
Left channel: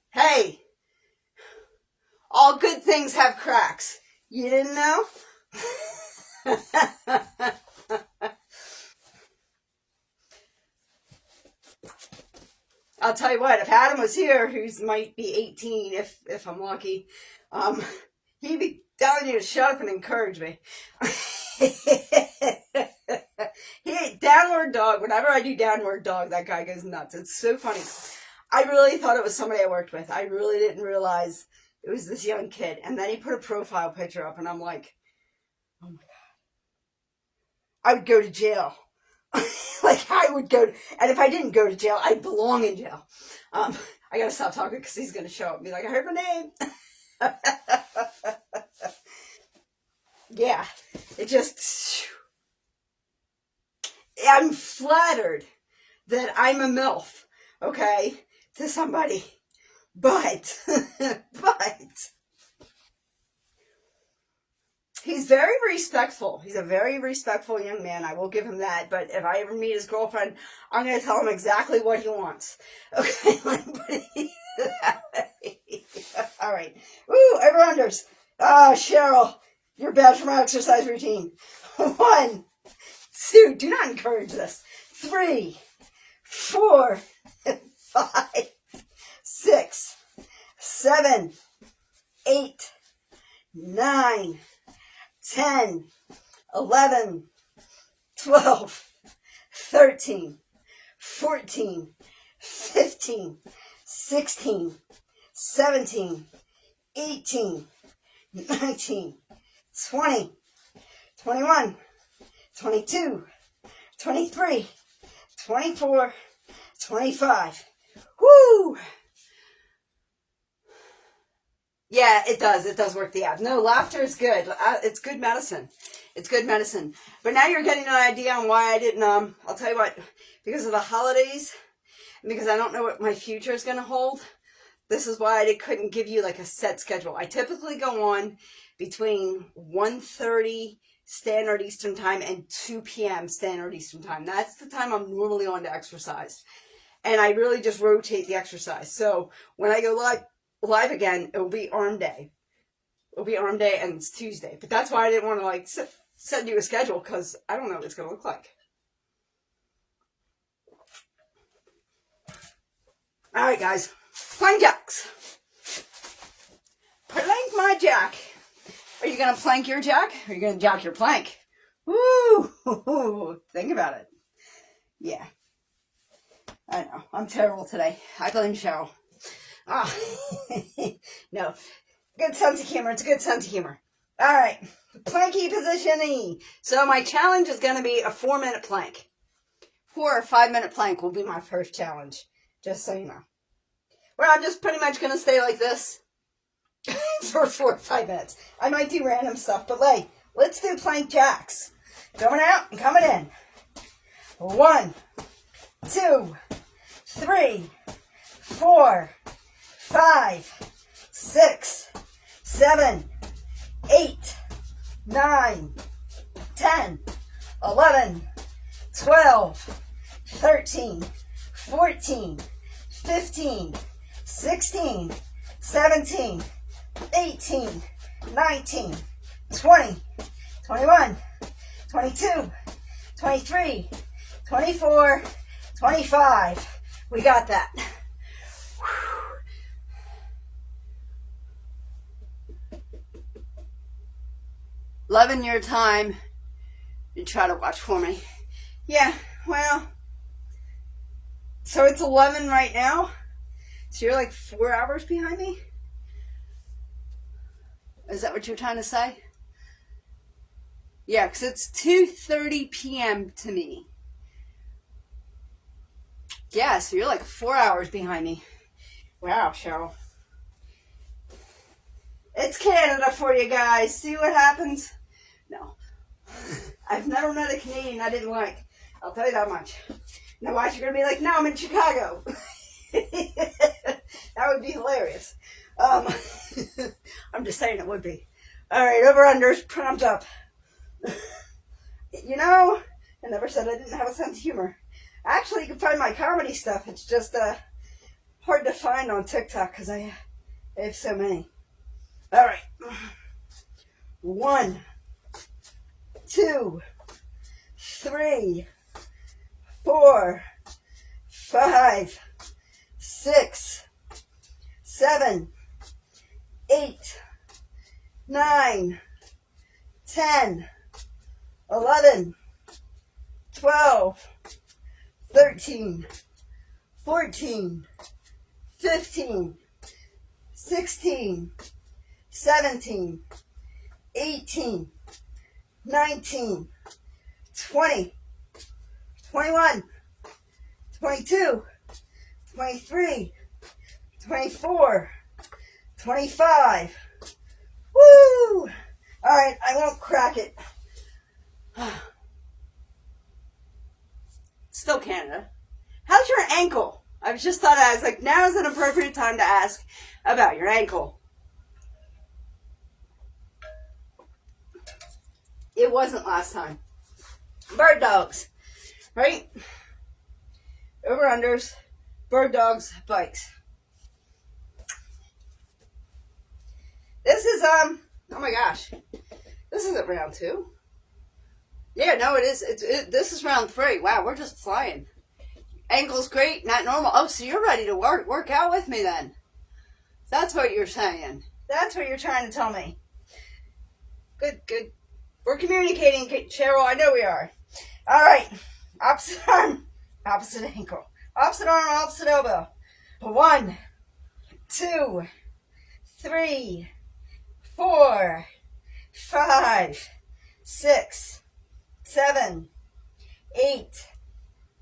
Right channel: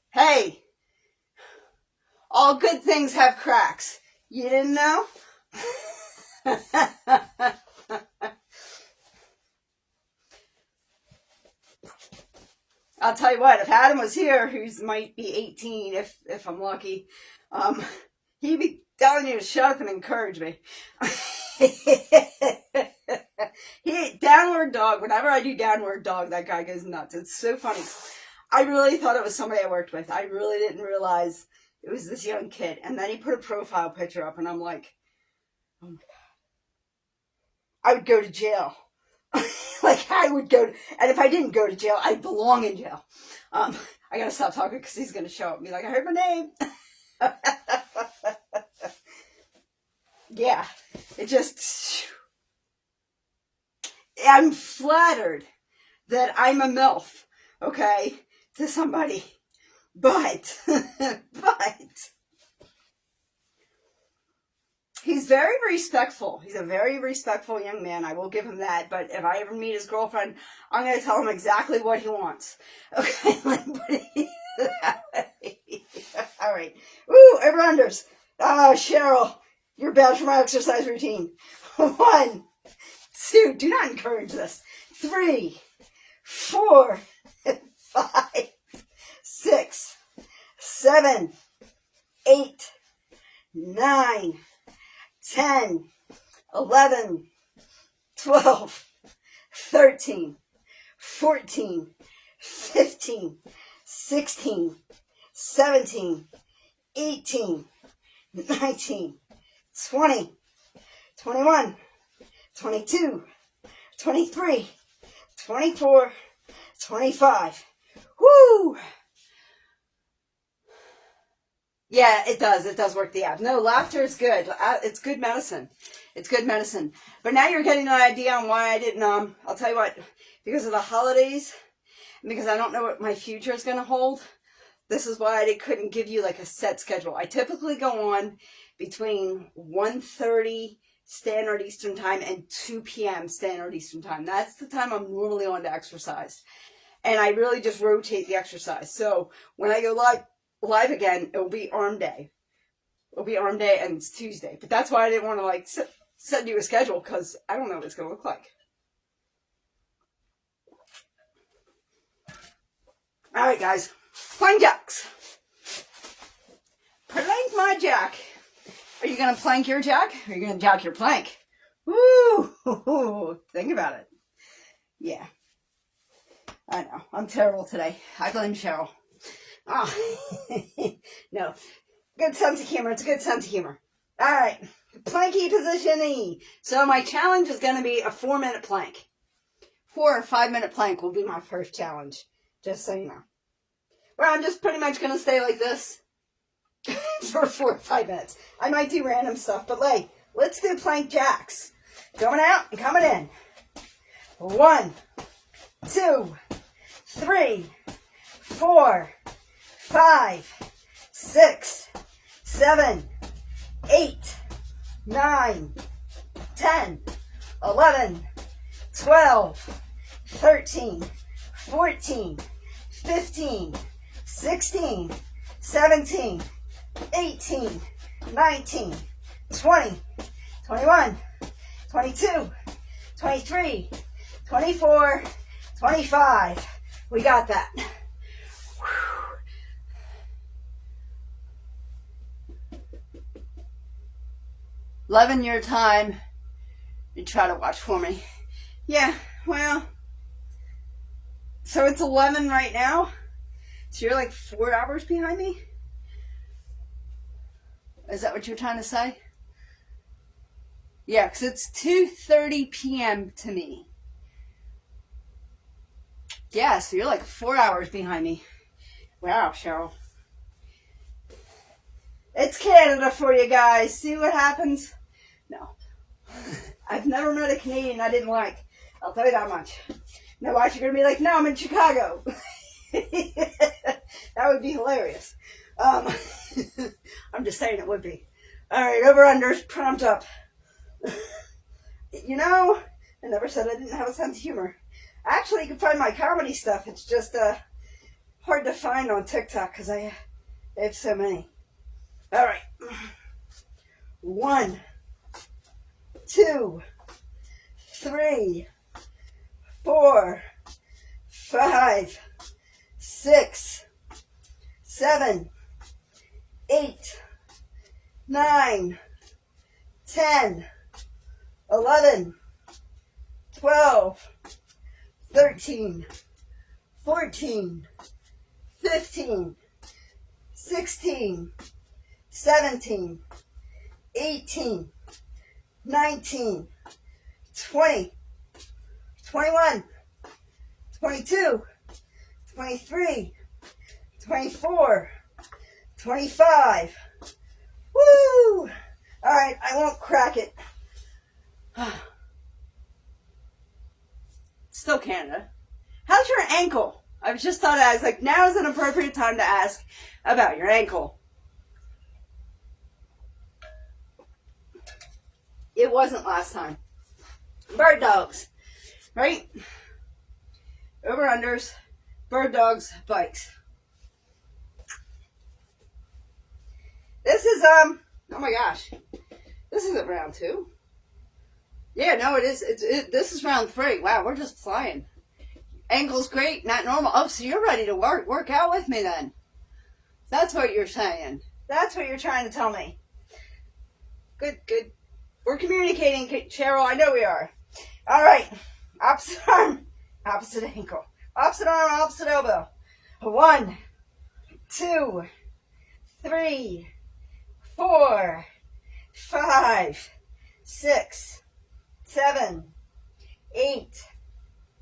all good things have cracks. You didn't know? I'll tell you what, if Adam was here, who might be 18, if I'm lucky, he'd be telling you to shut up and encourage me. He downward dog. Whenever I do downward dog, that guy goes nuts. It's so funny. I really thought it was somebody I worked with. I really didn't realize It was this young kid. And then he put a profile picture up, and I'm like, oh my God. I would go to jail. Like, I would go, and if I didn't go to jail, I'd belong in jail. I gotta stop talking because he's gonna show up and be like, I heard my name. Yeah, it just, I'm flattered that I'm a MILF, okay, to somebody, but he's very respectful. He's a very respectful young man. I will give him that. But if I ever meet his girlfriend, I'm going to tell him exactly what he wants. Okay? All right. Woo, over-unders. Oh, Cheryl, you're bad for my exercise routine. 1, 2, do not encourage this. 3, 4, 5, 6, 7, 8, 9, 10, 11, 12, 13, 14, 15, 16, 17, 18, 19, 20, 21, 22, 23, 24, 25. Woo! Yeah, it does. It does work the abs. No, laughter is good. It's good medicine. It's good medicine. But now you're getting an idea on why I didn't, I'll tell you what, because of the holidays, and because I don't know what my future is going to hold, this is why I couldn't give you like a set schedule. I typically go on between 1:30 Standard Eastern Time and 2 p.m. Standard Eastern Time. That's the time I'm normally on to exercise. And I really just rotate the exercise. So when I go live again, it will be arm day. It'll be arm day, and it's Tuesday. But that's why I didn't want to like send you a schedule, because I don't know what it's going to look like. All right, guys. Plank jacks. Plank my jack. Are you going to plank your jack? Or are you going to jack your plank? Woo! Think about it. Yeah. I know. I'm terrible today. I blame Cheryl. No. Good sense of humor. It's a good sense of humor. All right. Planky positioning. So my challenge is going to be a 4-minute plank. 4 or 5-minute plank will be my first challenge. Just so you know. Well, I'm just pretty much going to stay like this for 4 or 5 minutes. I might do random stuff, but like, let's do plank jacks. Going out and coming in. 1, 2, 3, 4, 5, 6, 7, 8, 9, 10, 11, 12, 13, 14, 15, 16, 17, 18, 19, 20, 21, 22, 23, 24, 25. We got that. 11 your time. You try to watch for me. Yeah, well, so it's 11 right now. So you're like 4 hours behind me? Is that what you're trying to say? Yeah, because it's 2:30 p.m. to me. Yeah, so you're like 4 hours behind me. Wow, Cheryl. It's Canada for you guys. See what happens? No. I've never met a Canadian I didn't like. I'll tell you that much. Otherwise, you're going to be like, no, I'm in Chicago. That would be hilarious. I'm just saying it would be. All right, over-unders, prompt up. You know, I never said I didn't have a sense of humor. Actually, you can find my comedy stuff. It's just hard to find on TikTok because I have so many. All right. 1, 2, 3, 4, 5, 6, 7, 8, 9, 10, 11, 12, 13, 14, 15, 16, 17, 18, 19, 20, 21, 22, 23, 24, 25. Woo! All right, I won't crack it. Still Canada. How's your ankle? I just thought, I was like, now is an appropriate time to ask about your ankle. It wasn't last time. Bird dogs, right? Over-unders, bird dogs, bikes. This is, oh my gosh. This isn't round 2. Yeah, no, it is. This is round 3. Wow, we're just flying. Ankle's great, not normal. Oh, so you're ready to work out with me then. That's what you're saying. That's what you're trying to tell me. Good, good. We're communicating, Cheryl. I know we are. All right. Opposite arm, opposite ankle. Opposite arm, opposite elbow. 1, 2, 3, 4, 5, 6, 7, 8,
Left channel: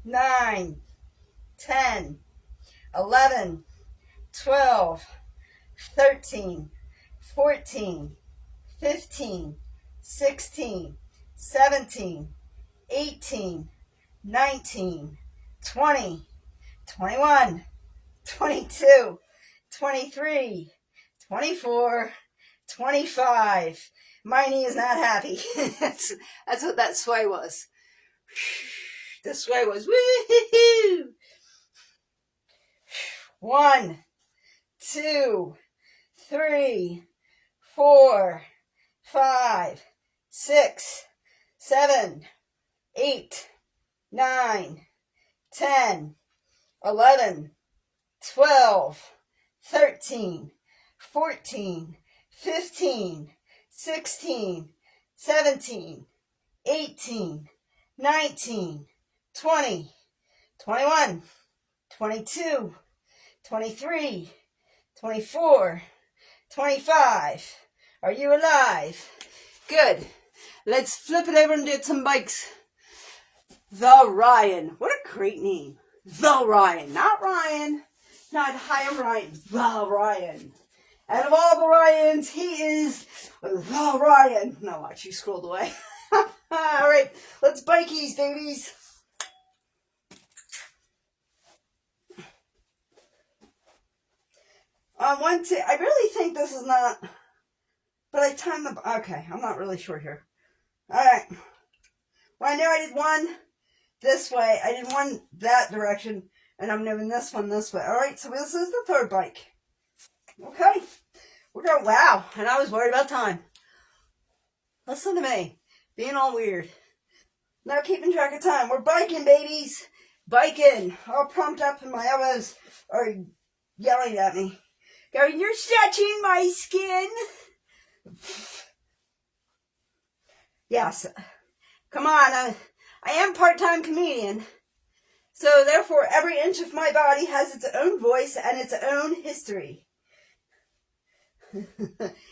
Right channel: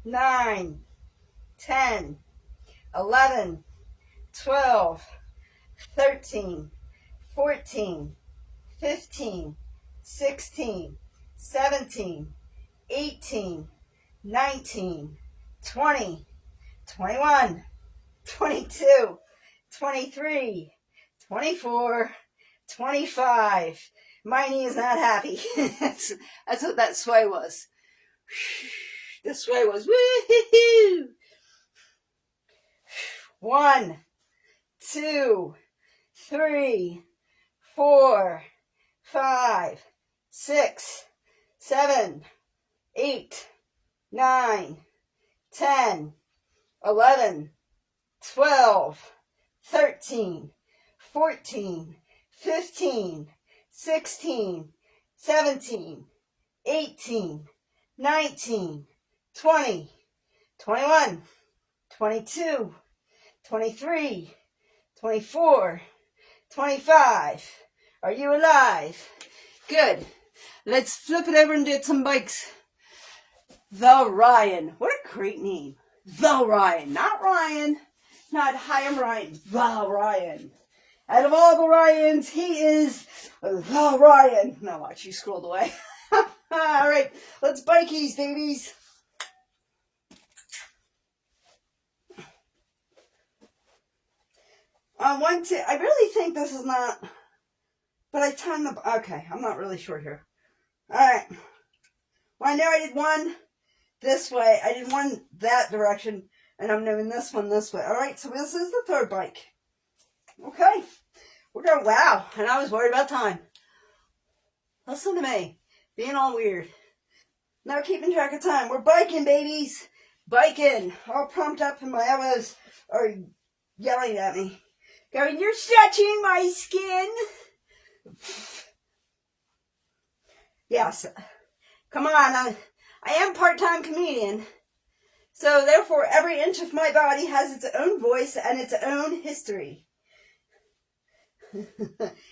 9, 10, 11, 12, 13, 14, 15, 16, 17, 18, 19, 20, 21, 22, 23, 24, 25. My knee is not happy. That's what that sway was. The sway was woo-hoo-hoo. 1, 2, 3, 4, 5, 6, 7, 8, 9, 10, 11, 12, 13, 14, 15, 16, 17, 18, 19, 20, 21, 22, 23, 24, 25. Are you alive? Good. Let's flip it over and do some bikes. The Ryan. What a great name. The Ryan. Not Ryan. Not Hi, I'm Ryan. The Ryan. Out of all the Ryans, he is the Ryan. No, watch, you scrolled away. All right, let's bikies, babies. I really think this is not, but I timed the, okay, I'm not really sure here. All right. Well, I know I did one this way. I did one that direction, and I'm doing this one this way. All right, so this is the third bike. Okay. We're going, wow, and I was worried about time. Listen to me, being all weird. Not keeping track of time. We're biking, babies. Biking. All pumped up, and my elbows are yelling at me. Going, you're stretching my skin. Yes. Come on, I am part-time comedian. So therefore, every inch of my body has its own voice and its own history.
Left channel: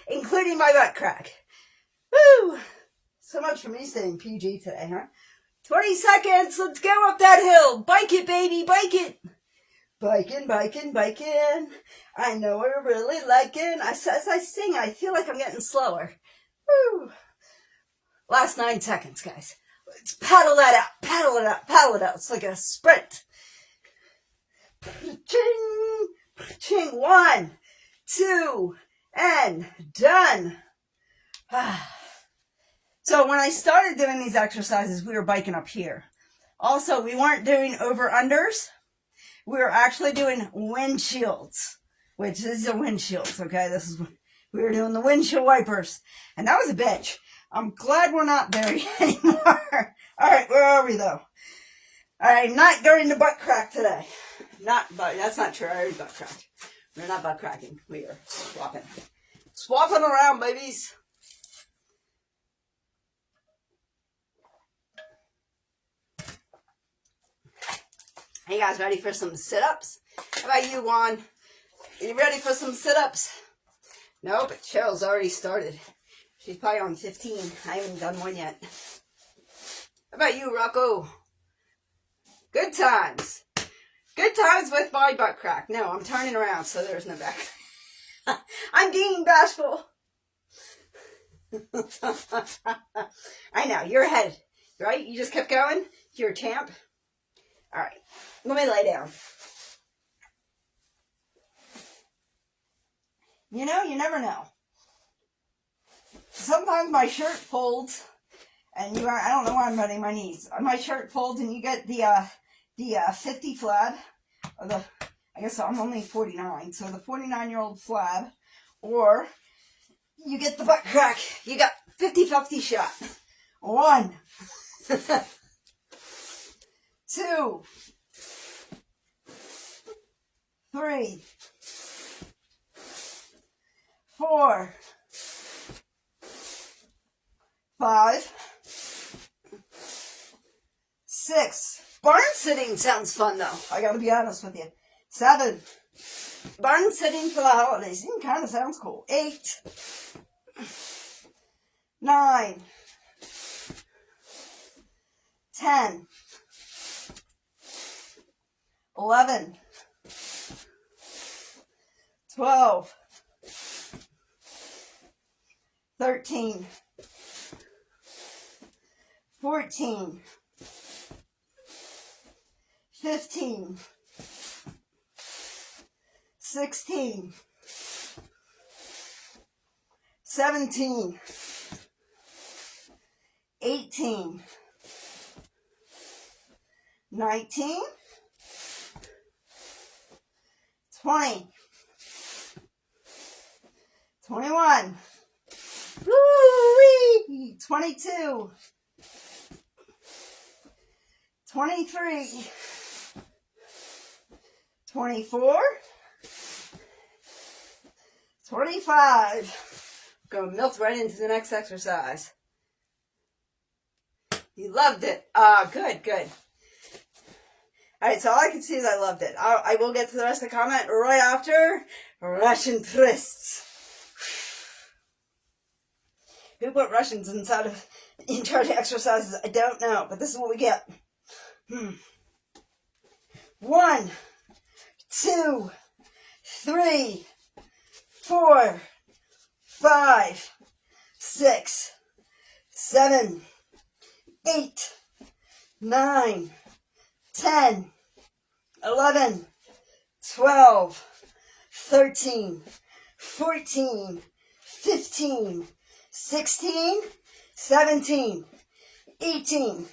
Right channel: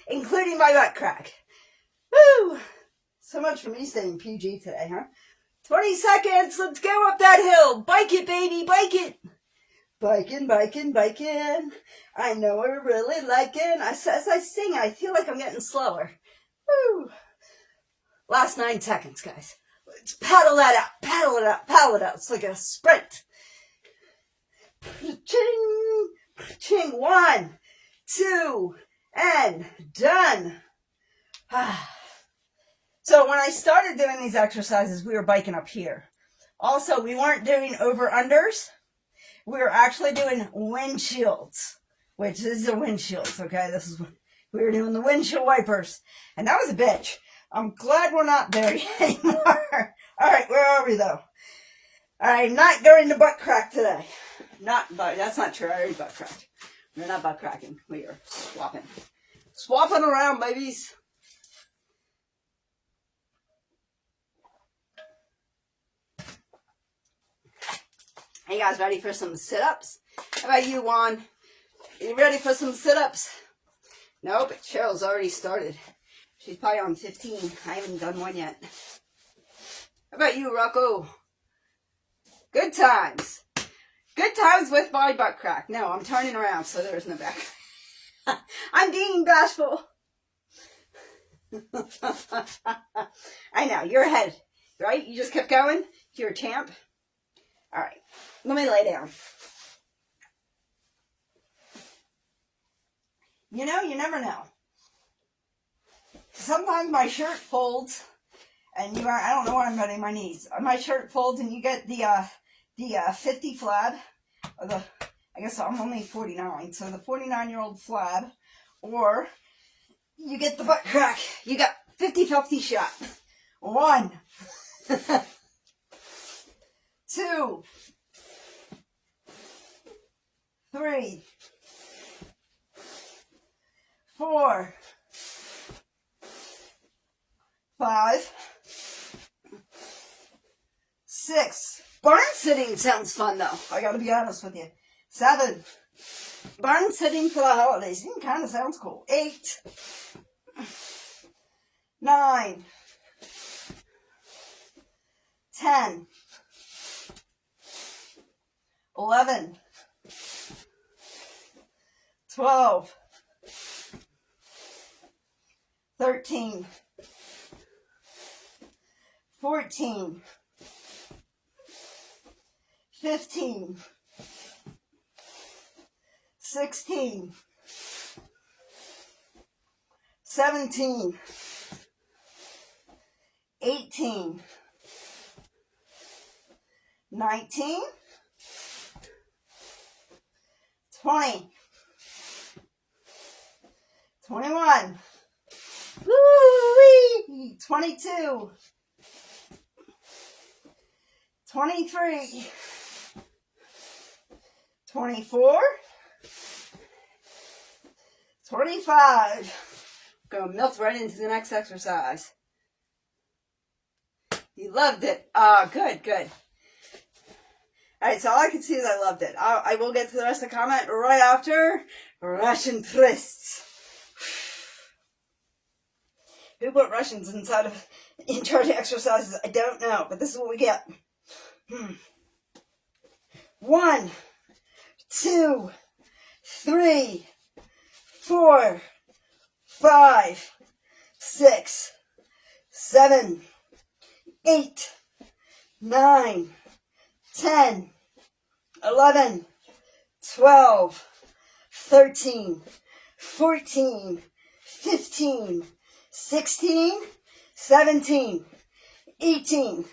Including my butt crack. Woo! So much for me saying PG today, huh? 20 seconds, let's go up that hill. Bike it, baby, bike it. Biking, biking, biking. I know I really like it. As I sing, I feel like I'm getting slower. Woo! Last 9 seconds, guys. Let's paddle that out, paddle it out, paddle it out. It's like a sprint. Ching, ching. 1, 2, and done. So when I started doing these exercises, we were biking up here. Also, we weren't doing over-unders. We were actually doing windshields, which is the windshields, okay? This is we were doing the windshield wipers, and that was a bitch. I'm glad we're not there anymore. All right, where are we, though? I'm not going to butt crack today. That's not true. I already butt cracked. We're not butt cracking. We are swapping. Swapping around, babies. Hey, guys, ready for some sit-ups? How about you, Juan? You ready for some sit-ups? No, but Cheryl's already started. She's probably on 15. I haven't done one yet. How about you, Rocco? Good times. Good times with my butt crack. No, I'm turning around, so there's no back. I'm being bashful. I know, you're ahead, right? You just kept going? You're a champ. All right, let me lay down. You know, you never know. Sometimes my shirt folds, and I don't know why I'm bending my knees. My shirt folds, and you get the 50 flab, or I guess I'm only 49, so the 49-year-old flab, or you get the butt crack. You got 50-50 shot. 1, 2, 3, 4, 5, 6. Barn sitting sounds fun though. I gotta be honest with you. 7. Barn sitting for the holidays. It kind of sounds cool. 8. 9. 10. 11. 12. 13. 14. 15. 16. 17. 18. 19. 20. 21. Woo-wee! 22. 23. 24. 25. Going to melt right into the next exercise. You loved it. Good, good. Alright, so all I can see is I loved it. I will get to the rest of the comment right after Russian twists. Who put Russians inside of intro to exercises? I don't know, but this is what we get. 1, 2, 3, 4, 5, 6, 7, 8, 9, 10, 11, 12, 13, 14, 15, 16, 17, 18.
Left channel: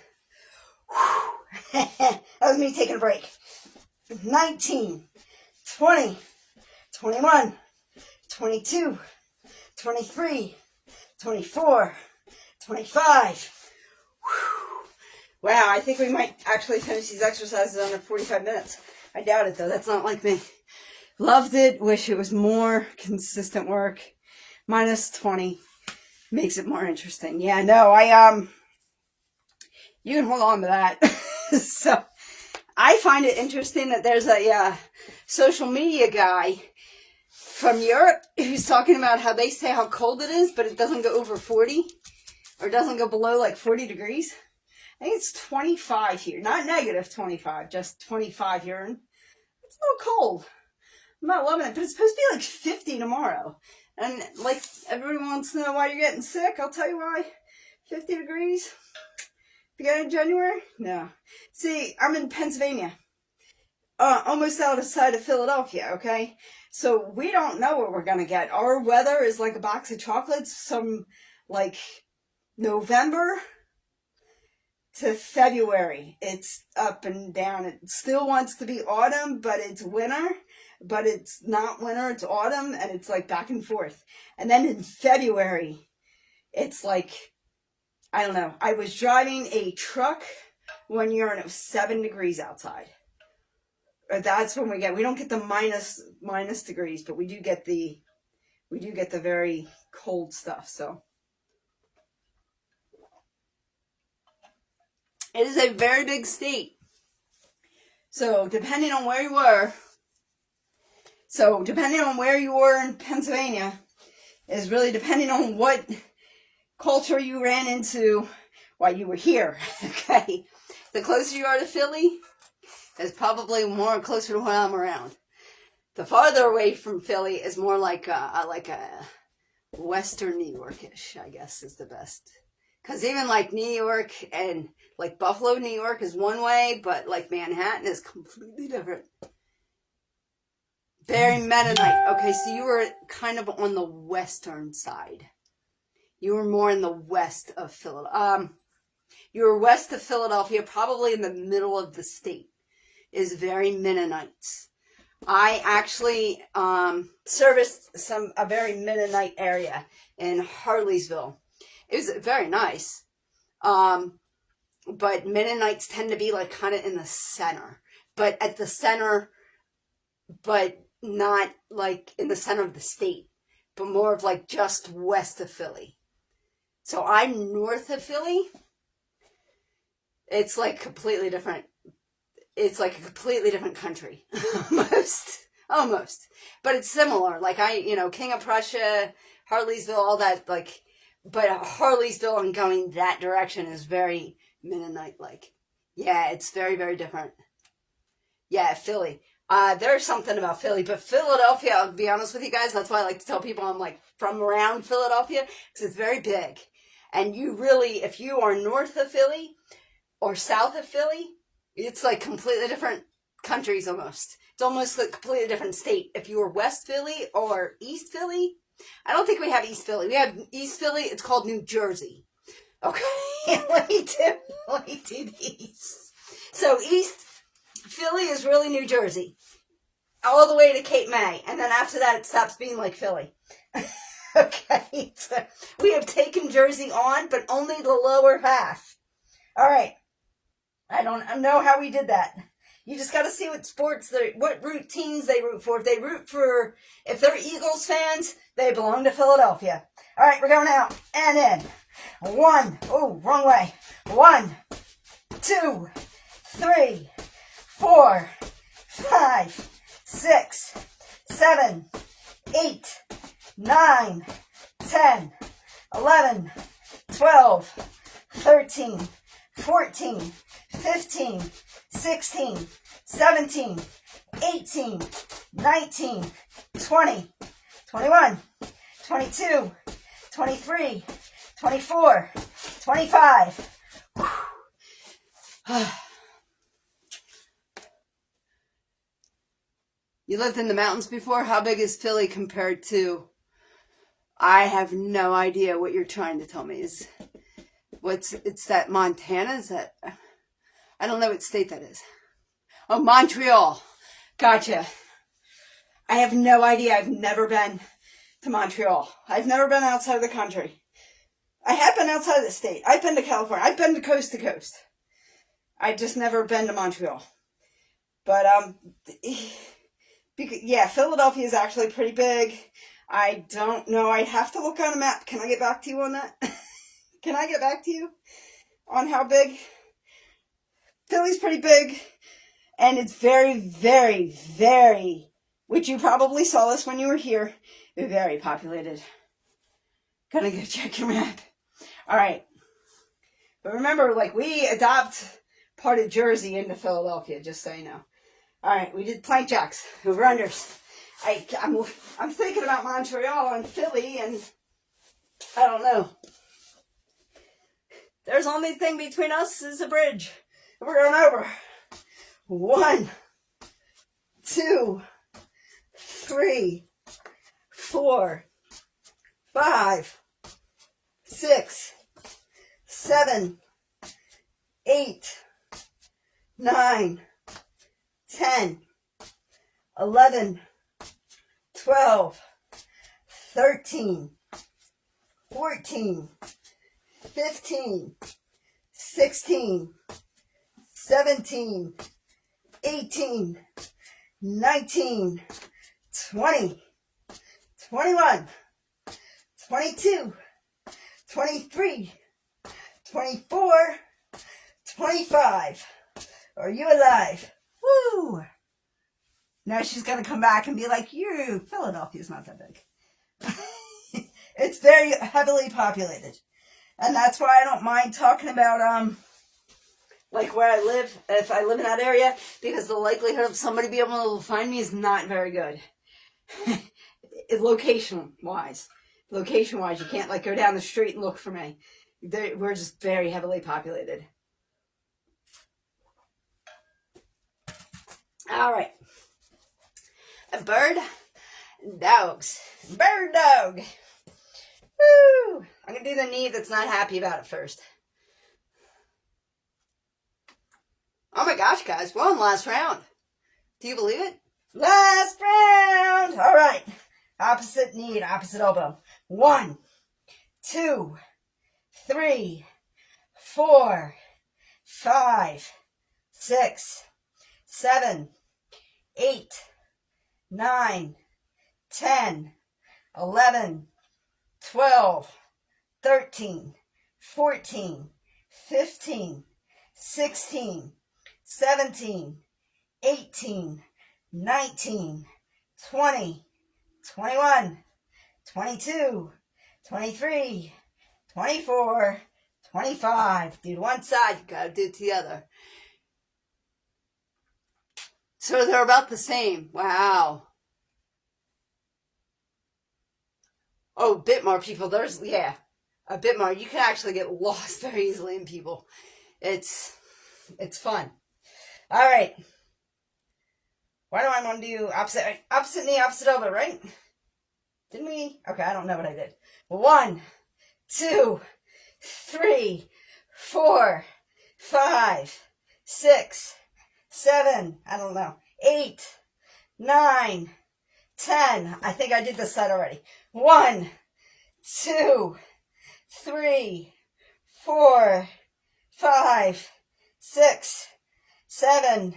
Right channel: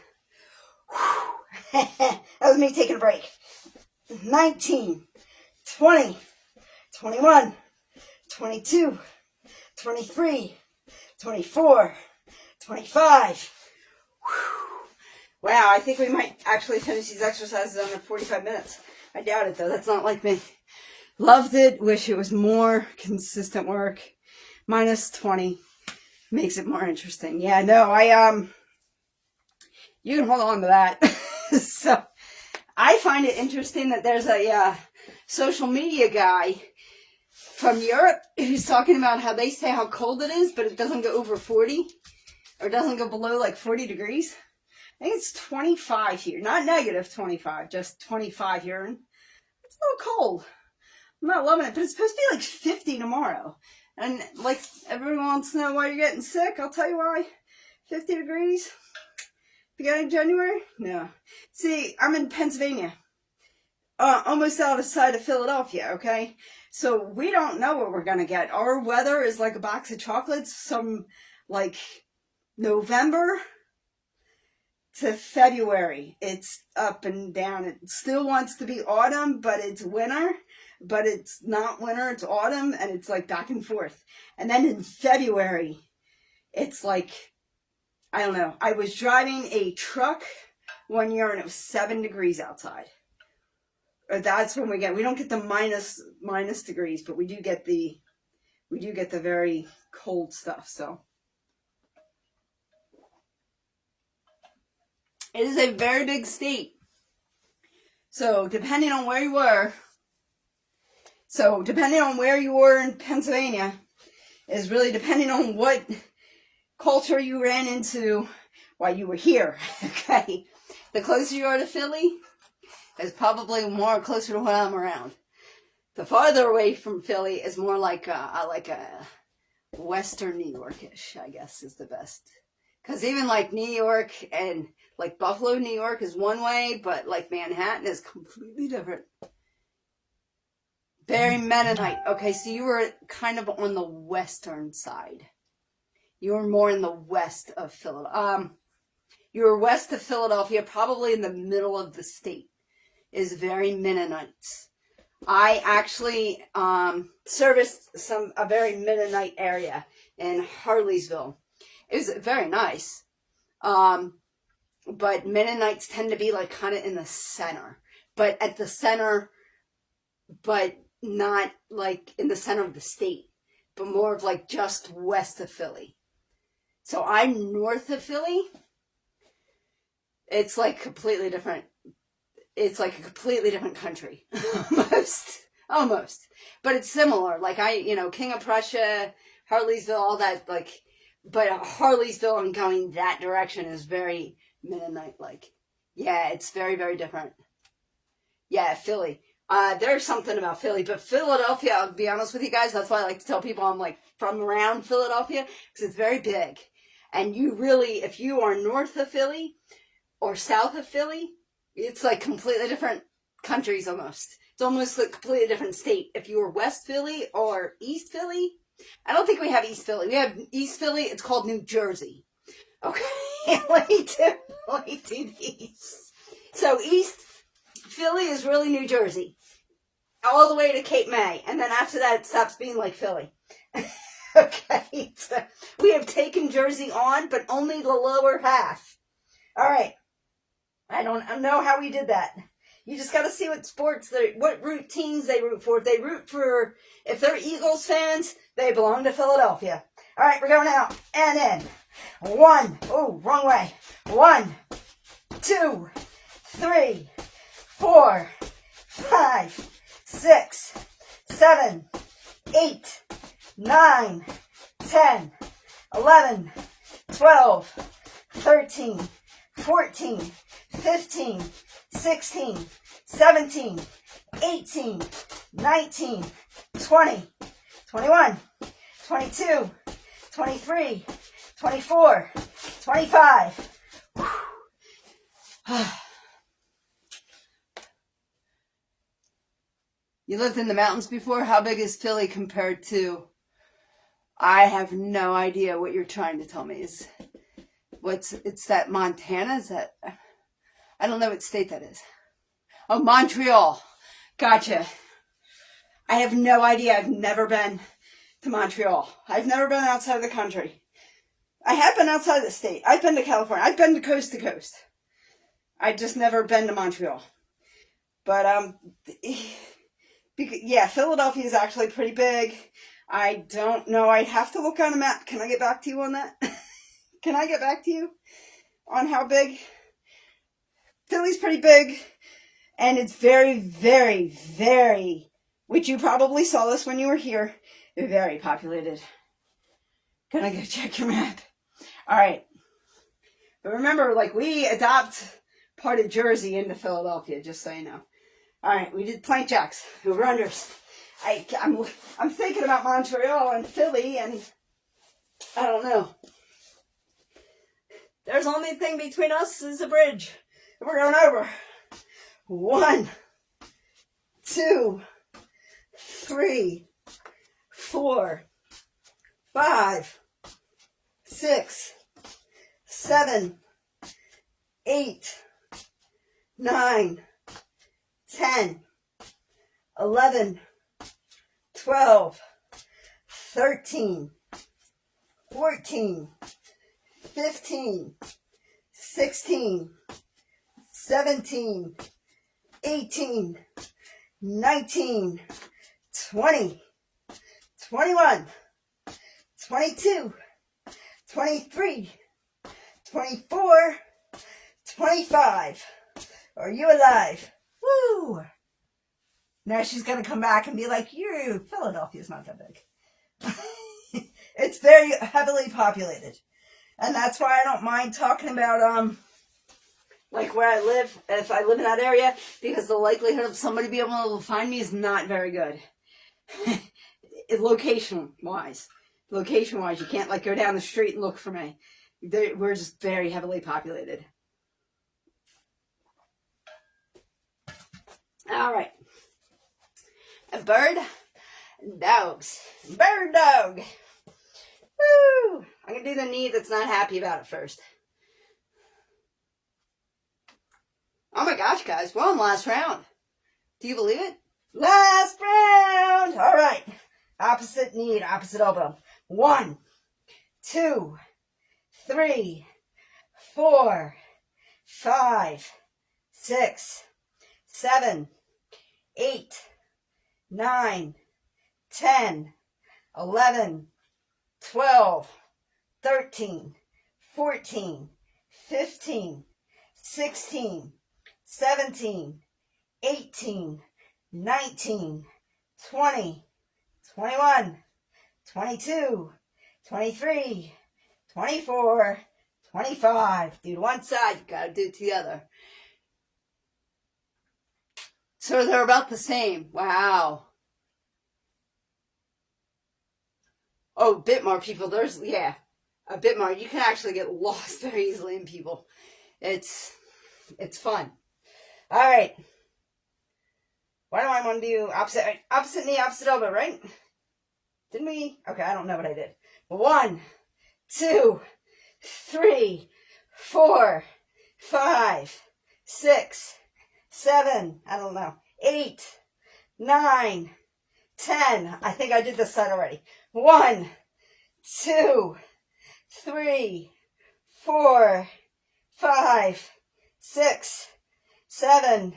That was me taking a break. 19, 20, 21, 22, 23, 24, 25. Wow, I think we might actually finish these exercises under 45 minutes. I doubt it, though. That's not like me. Loved it. Wish it was more consistent work. Minus 20 makes it more interesting. Yeah, no, you can hold on to that. So, I find it interesting that there's a social media guy from Europe who's talking about how they say how cold it is, but it doesn't go over 40, or doesn't go below like 40 degrees. I think it's 25 here. Not negative 25, just 25 here. And it's a little cold. I'm not loving it, but it's supposed to be like 50 tomorrow. And like everyone wants to know why you're getting sick. I'll tell you why. 50 degrees. Beginning of January? No. See, I'm in Pennsylvania. Almost outside of Philadelphia, okay? So we don't know what we're going to get. Our weather is like a box of chocolates. Some like November to February. It's up and down. It still wants to be autumn, but it's winter. But it's not winter, it's autumn, and it's like back and forth. And then in February, it's like, I don't know. I was driving a truck one year and it was 7 degrees outside. Or that's when we don't get the minus degrees, but we do get the very cold stuff, so. It is a very big state. So depending on where you were in Pennsylvania, is really depending on what culture you ran into while you were here. Okay, the closer you are to Philly is probably more closer to where I'm around. The farther away from Philly is more like a Western New York-ish, I guess, is the best. Because even like New York and like Buffalo, New York is one way, but like Manhattan is completely different. Very Mennonite. Okay, so you were kind of on the western side. You were more in the west of Philadelphia. You were west of Philadelphia, probably in the middle of the state. Is very Mennonites. I actually serviced a very Mennonite area in Harleysville. It was very nice. But Mennonites tend to be like kind of in the center. But at the center, but not like in the center of the state. But more of like just west of Philly. So I'm north of Philly. It's like completely different. It's like a completely different country. Almost. But it's similar. Like King of Prussia, Harleysville, all that, like, but Harleysville and going that direction is very Mennonite-like. Yeah, it's very, very different. Yeah, Philly. There's something about Philly, but Philadelphia, I'll be honest with you guys, that's why I like to tell people I'm like from around Philadelphia, because it's very big. And you really, if you are north of Philly or south of Philly, it's like completely different countries almost. It's almost like a completely different state. If you were West Philly or East Philly, I don't think we have East Philly. We have East Philly, it's called New Jersey. Okay, let me do these. So East Philly is really New Jersey. All the way to Cape May. And then after that, it stops being like Philly. Okay, so we have taken Jersey on, but only the lower half. All right. I don't know how we did that. You just got to see what teams they root for. If they're Eagles fans, they belong to Philadelphia. All right, we're going out. And in. 1. Oh, wrong way. 1, 2, 3, 4, 5, 6, 7, 8, 9, 10, 11, 12, 13, 14, 15, 16, 17, 18, 19, 20, 21, 22, 23, 24, 25. You lived in the mountains before? How big is Philly compared to... I have no idea what you're trying to tell me. It's that Montana? Is that... I don't know what state that is. Oh, Montreal. Gotcha. I have no idea. I've never been to Montreal. I've never been outside of the country. I have been outside of the state. I've been to California. I've been to coast. I've just never been to Montreal. But, yeah, Philadelphia is actually pretty big. I don't know. I'd have to look on a map. Can I get back to you on that? Can I get back to you on how big? Philly's pretty big. And it's very, very, very, which you probably saw this when you were here, very populated. Gonna go check your map. All right. But remember, like, we adopt part of Jersey into Philadelphia, just so you know. All right, we did plank jacks, over-unders. I'm thinking about Montreal and Philly, and I don't know. There's the only thing between us is a bridge. We're going over. 1, 2, 3, 4, 5, 6, 7, 8, 9, 10, 11, 12, 13, 14, 15, 16, 17, 18, 19, 20, 21, 22, 23, 24, 25. Are you alive? Woo! Now she's going to come back and be like, Philadelphia's not that big. It's very heavily populated. And that's why I don't mind talking about, like where I live, if I live in that area, because the likelihood of somebody being able to find me is not very good. Location-wise. Location-wise, you can't like go down the street and look for me. We're just very heavily populated. All right. A bird and dogs. Bird dog. Woo! I'm going to do the knee that's not happy about it first. Oh my gosh, guys. We're on last round. Do you believe it? Last round. All right. Opposite knee, opposite elbow. 1, 2, 3, 4, 5, 6, 7, 8, 9, 10, 11, 12, 13, 14, 15, 16, 17, 18, 19, 20, 21, 22, 23, 24, 25. Do one side, you gotta do it to the other. So they're about the same. Wow. Oh, a bit more people. Yeah, a bit more. You can actually get lost very easily in people. It's fun. All right. Why do I want to do opposite knee, opposite elbow, right? Didn't we? Okay, I don't know what I did. 1, 2, 3, 4, 5, 6, 7, I don't know, 8, 9, 10. I think I did this side already. 1, 2, 3, 4, 5, 6, 7,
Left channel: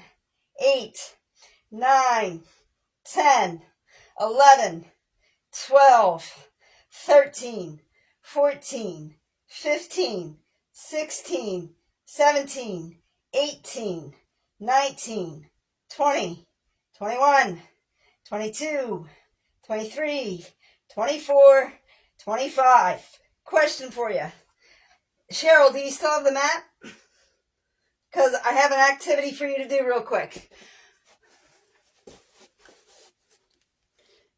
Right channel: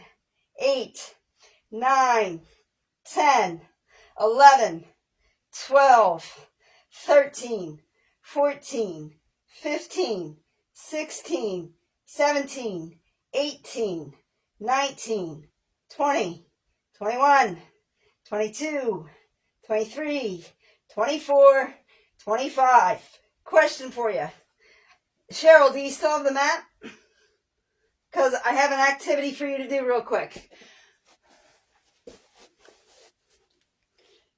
8, 9, 10, 11, 12, 13, 14, 15, 16, 17, 18, 19, 20, 21, 22, 23, 24, 25. Question for you. Cheryl, do you still have the mat? Because I have an activity for you to do real quick.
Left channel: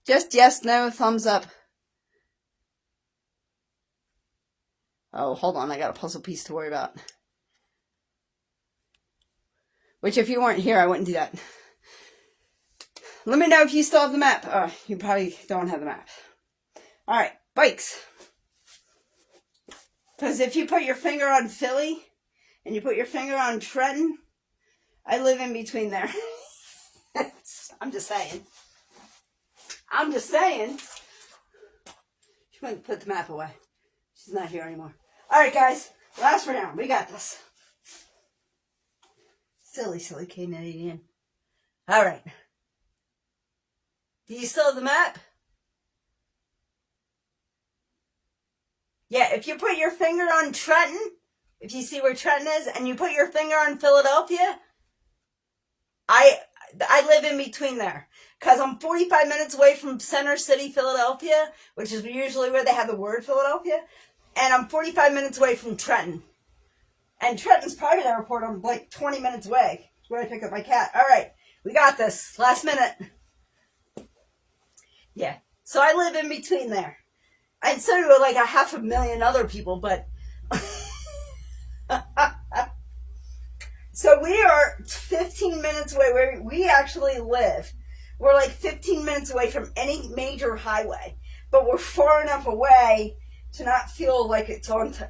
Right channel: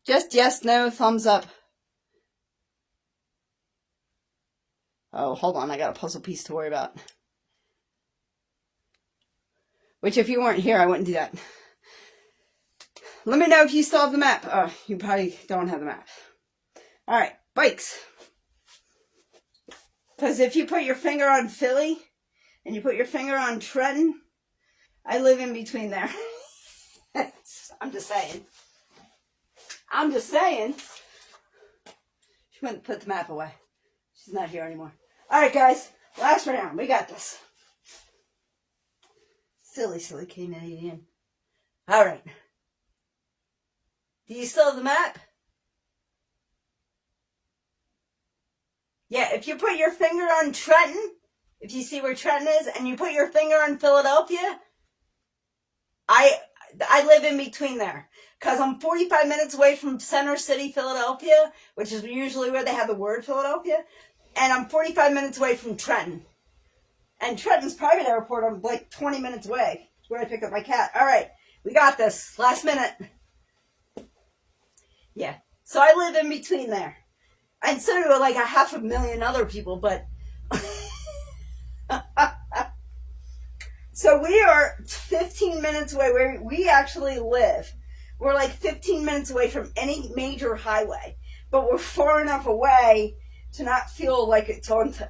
Just yes, no, thumbs up. Oh, hold on. I got a puzzle piece to worry about. Which, if you weren't here, I wouldn't do that. Let me know if you still have the map. You probably don't have the map. All right, bikes. Because if you put your finger on Philly and you put your finger on Trenton, I live in between there. I'm just saying. I'm just saying. She went and put the map away. She's not here anymore. All right, guys. Last round. We got this. Silly Canadian. All right. Do you still have the map? Yeah, if you put your finger on Trenton, if you see where Trenton is, and you put your finger on Philadelphia, I live in between there. Because I'm 45 minutes away from Center City, Philadelphia, which is usually where they have the word Philadelphia. And I'm 45 minutes away from Trenton. And Trenton's private airport, I'm like 20 minutes away. It's where I pick up my cat. All right, we got this. Last minute. Yeah, so I live in between there. And so do like 500,000 other people, but... So we are 15 minutes away where we actually live. We're like 15 minutes away from any major highway, but we're far enough away to not feel like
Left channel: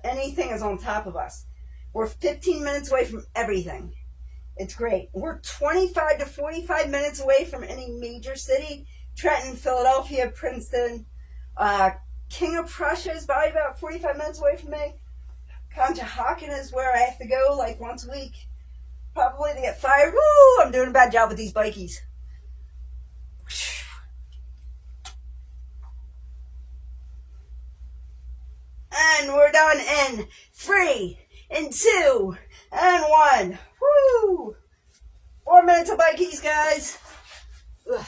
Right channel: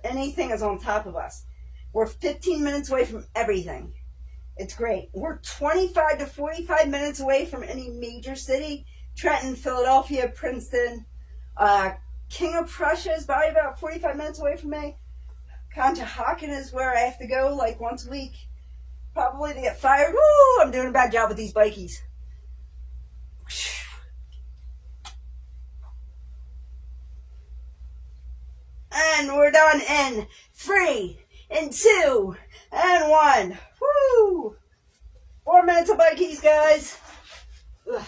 anything is on top of us. We're 15 minutes away from everything. It's great. We're 25 to 45 minutes away from any major city. Trenton, Philadelphia, Princeton, King of Prussia is probably about 45 minutes away from me. Conshohocken is where I have to go like once a week. Probably to get fired. Woo! I'm doing a bad job with these bikies. And we're done in 3, and 2, and 1. Woo! 4 minutes of bikies, guys. Ugh.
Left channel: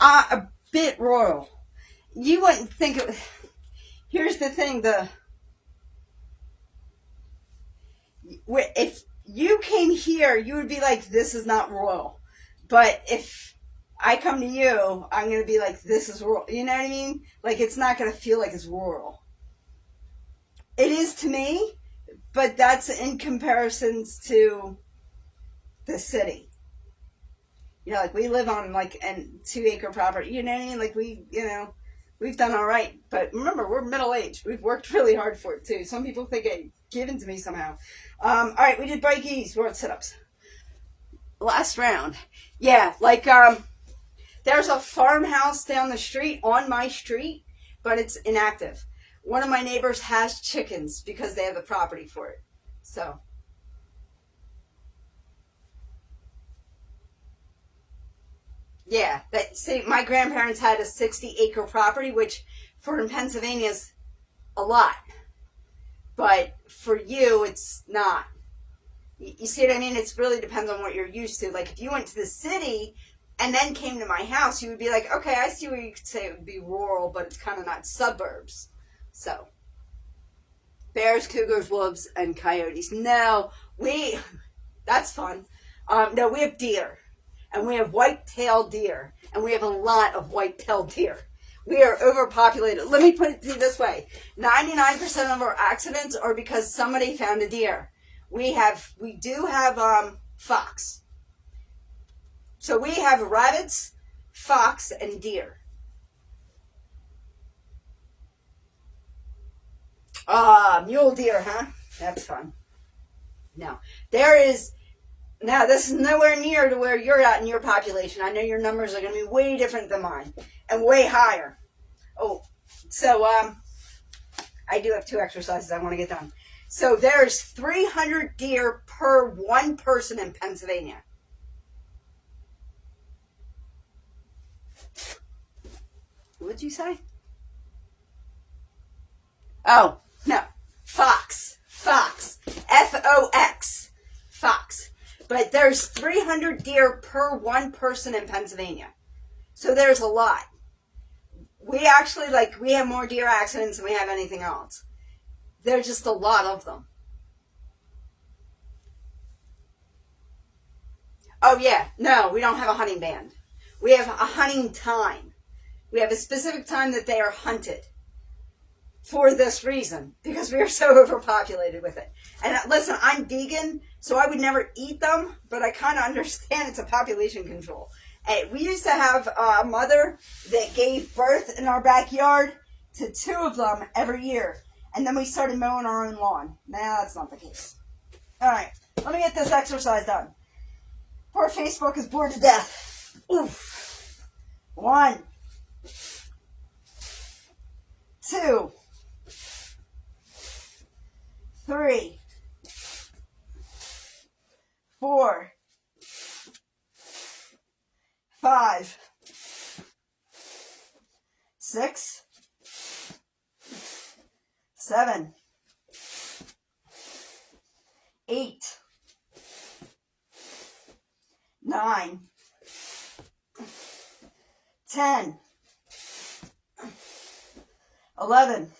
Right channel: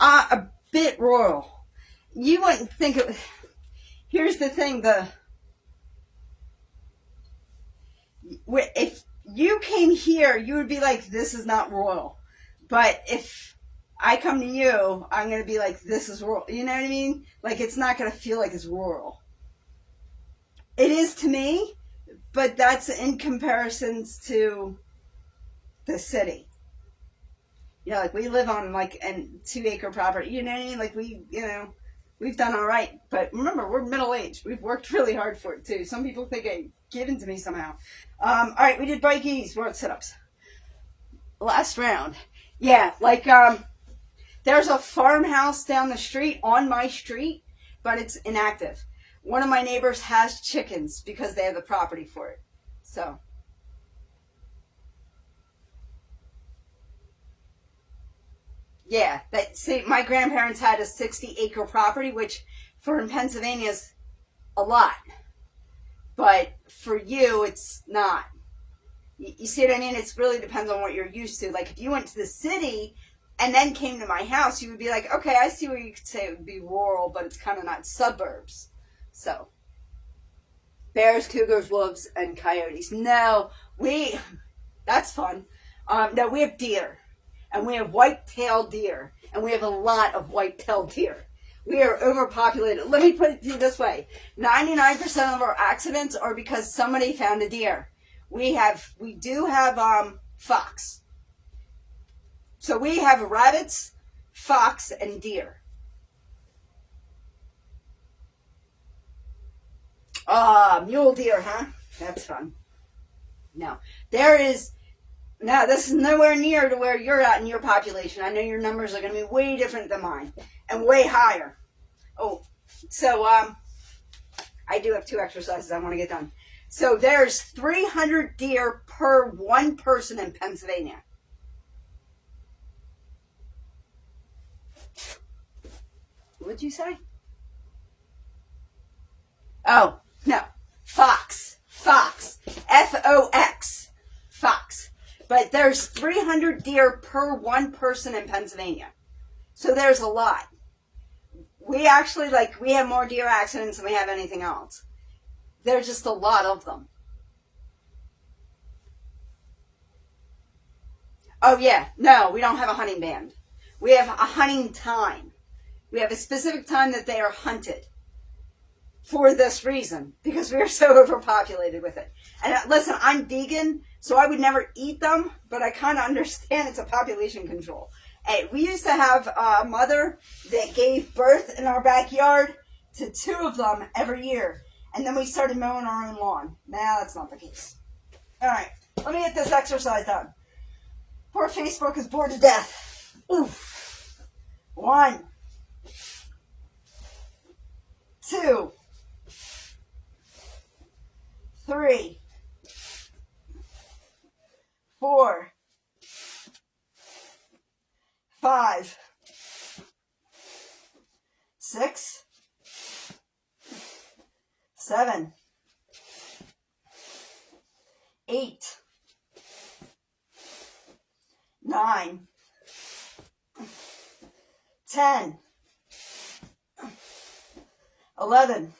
A bit royal. you wouldn't think it. Here's the thing: if you came here, you would be like, "This is not royal." But if I come to you, I'm gonna be like, "This is royal." You know what I mean? Like, it's not gonna feel like it's royal. It is to me, but that's in comparisons to the city. You know, like we live on like a 2 acre property. You know what I mean? Like we've done all right. But remember, we're middle aged. We've worked really hard for it too. Some people think it's given to me somehow. All right, we did bikies, world sit-ups. Last round. Yeah, like there's a farmhouse down the street on my street, but it's inactive. One of my neighbors has chickens because they have a property for it. So, yeah, see, my grandparents had a 60-acre property, which for in Pennsylvania is a lot, but for you, it's not. You see what I mean? It really depends on what you're used to. Like if you went to the city and then came to my house, you would be like, okay, I see where you could say it would be rural, but it's kind of not suburbs. So, bears, cougars, wolves, and coyotes. No, that's fun. No, we have deer, and we have white-tailed deer, and we have a lot of white-tailed deer. We are overpopulated. Let me put it to you this way. 99% of our accidents are because somebody found a deer. We do have fox. So we have rabbits, fox, and deer. Mule deer, huh? That's fun. No. Now this is nowhere near to where you're at in your population. I know your numbers are going to be way different than mine. And way higher. Oh, so, I do have 2 exercises I want to get done. So there's 300 deer per one person in Pennsylvania. What'd you say? Oh, no. Fox. Fox. Fox. But there's 300 deer per one person in Pennsylvania. So there's a lot. We actually, we have more deer accidents than we have anything else. There's just a lot of them. Oh, yeah. No, we don't have a hunting band. We have a hunting time. We have a specific time that they are hunted. For this reason. Because we are so overpopulated with it. And listen, I'm vegan, so I would never eat them, but I kind of understand it's a population control. Hey, we used to have a mother that gave birth in our backyard to 2 of them every year. And then we started mowing our own lawn. Now that's not the case. All right, let me get this exercise done. Poor Facebook is bored to death. Oof. 1, 2, 3, 4, 5, 6, 7, 8, 9, 10, 11,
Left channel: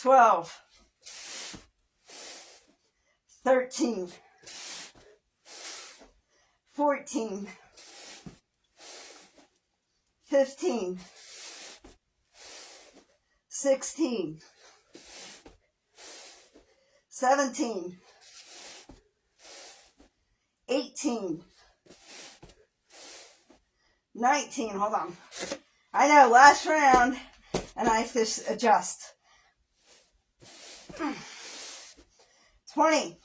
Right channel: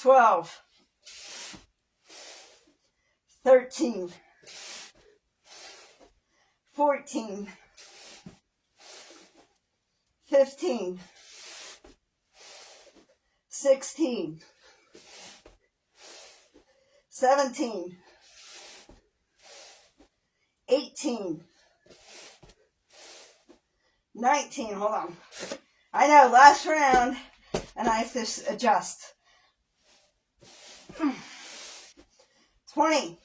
12, 13, 14, 15, 16, 17, 18, 19, hold on. I know, last round, and I have to adjust. 20,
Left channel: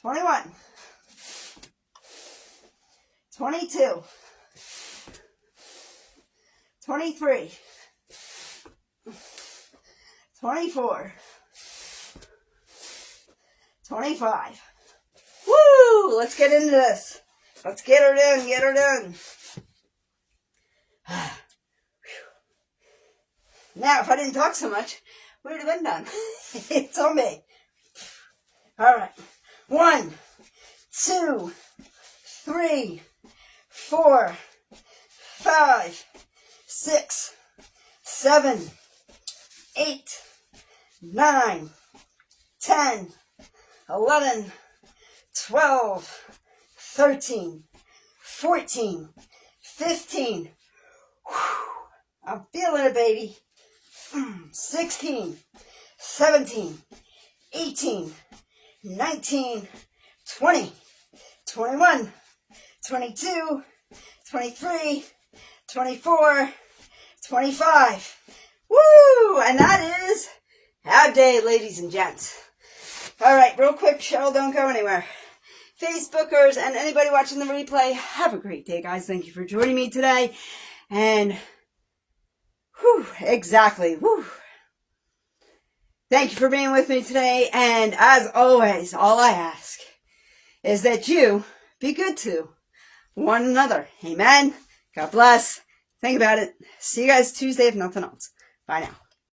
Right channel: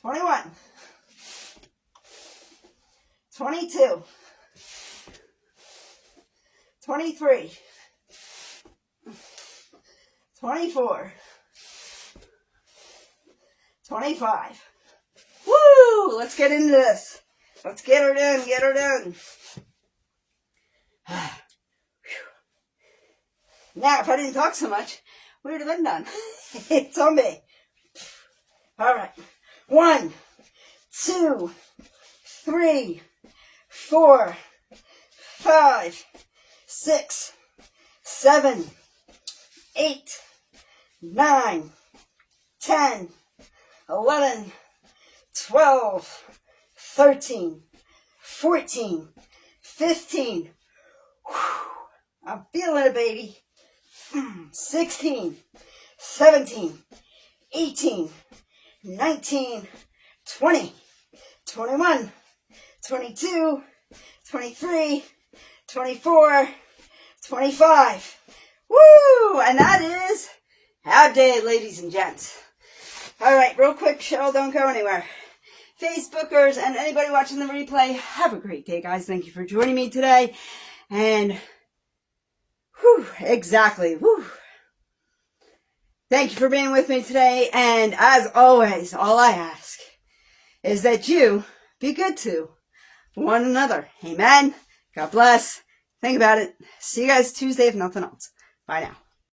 21, 22, 23, 24, 25. Woo! Let's get into this. Let's get her done, Now, if I didn't talk so much, we would have been done. It's on me. All right. 1, 2, 3, 4, 5, 6, 7, 8, 9, 10, 11, 12, 13, 14, 15. I'm feeling it, baby. 16, 17, 18, 19, 20, 21, 22, 23, 24, 25. Woo! And that is our day, ladies and gents. All right, real quick, show, don't go anywhere. Facebookers and anybody watching the replay, have a great day, guys. Thank you for joining me today. And, exactly, Thank you for being with me today. And as always, all I ask is that you be good to one another. Amen. God bless. Think about it. See you guys Tuesday if nothing else. Bye now.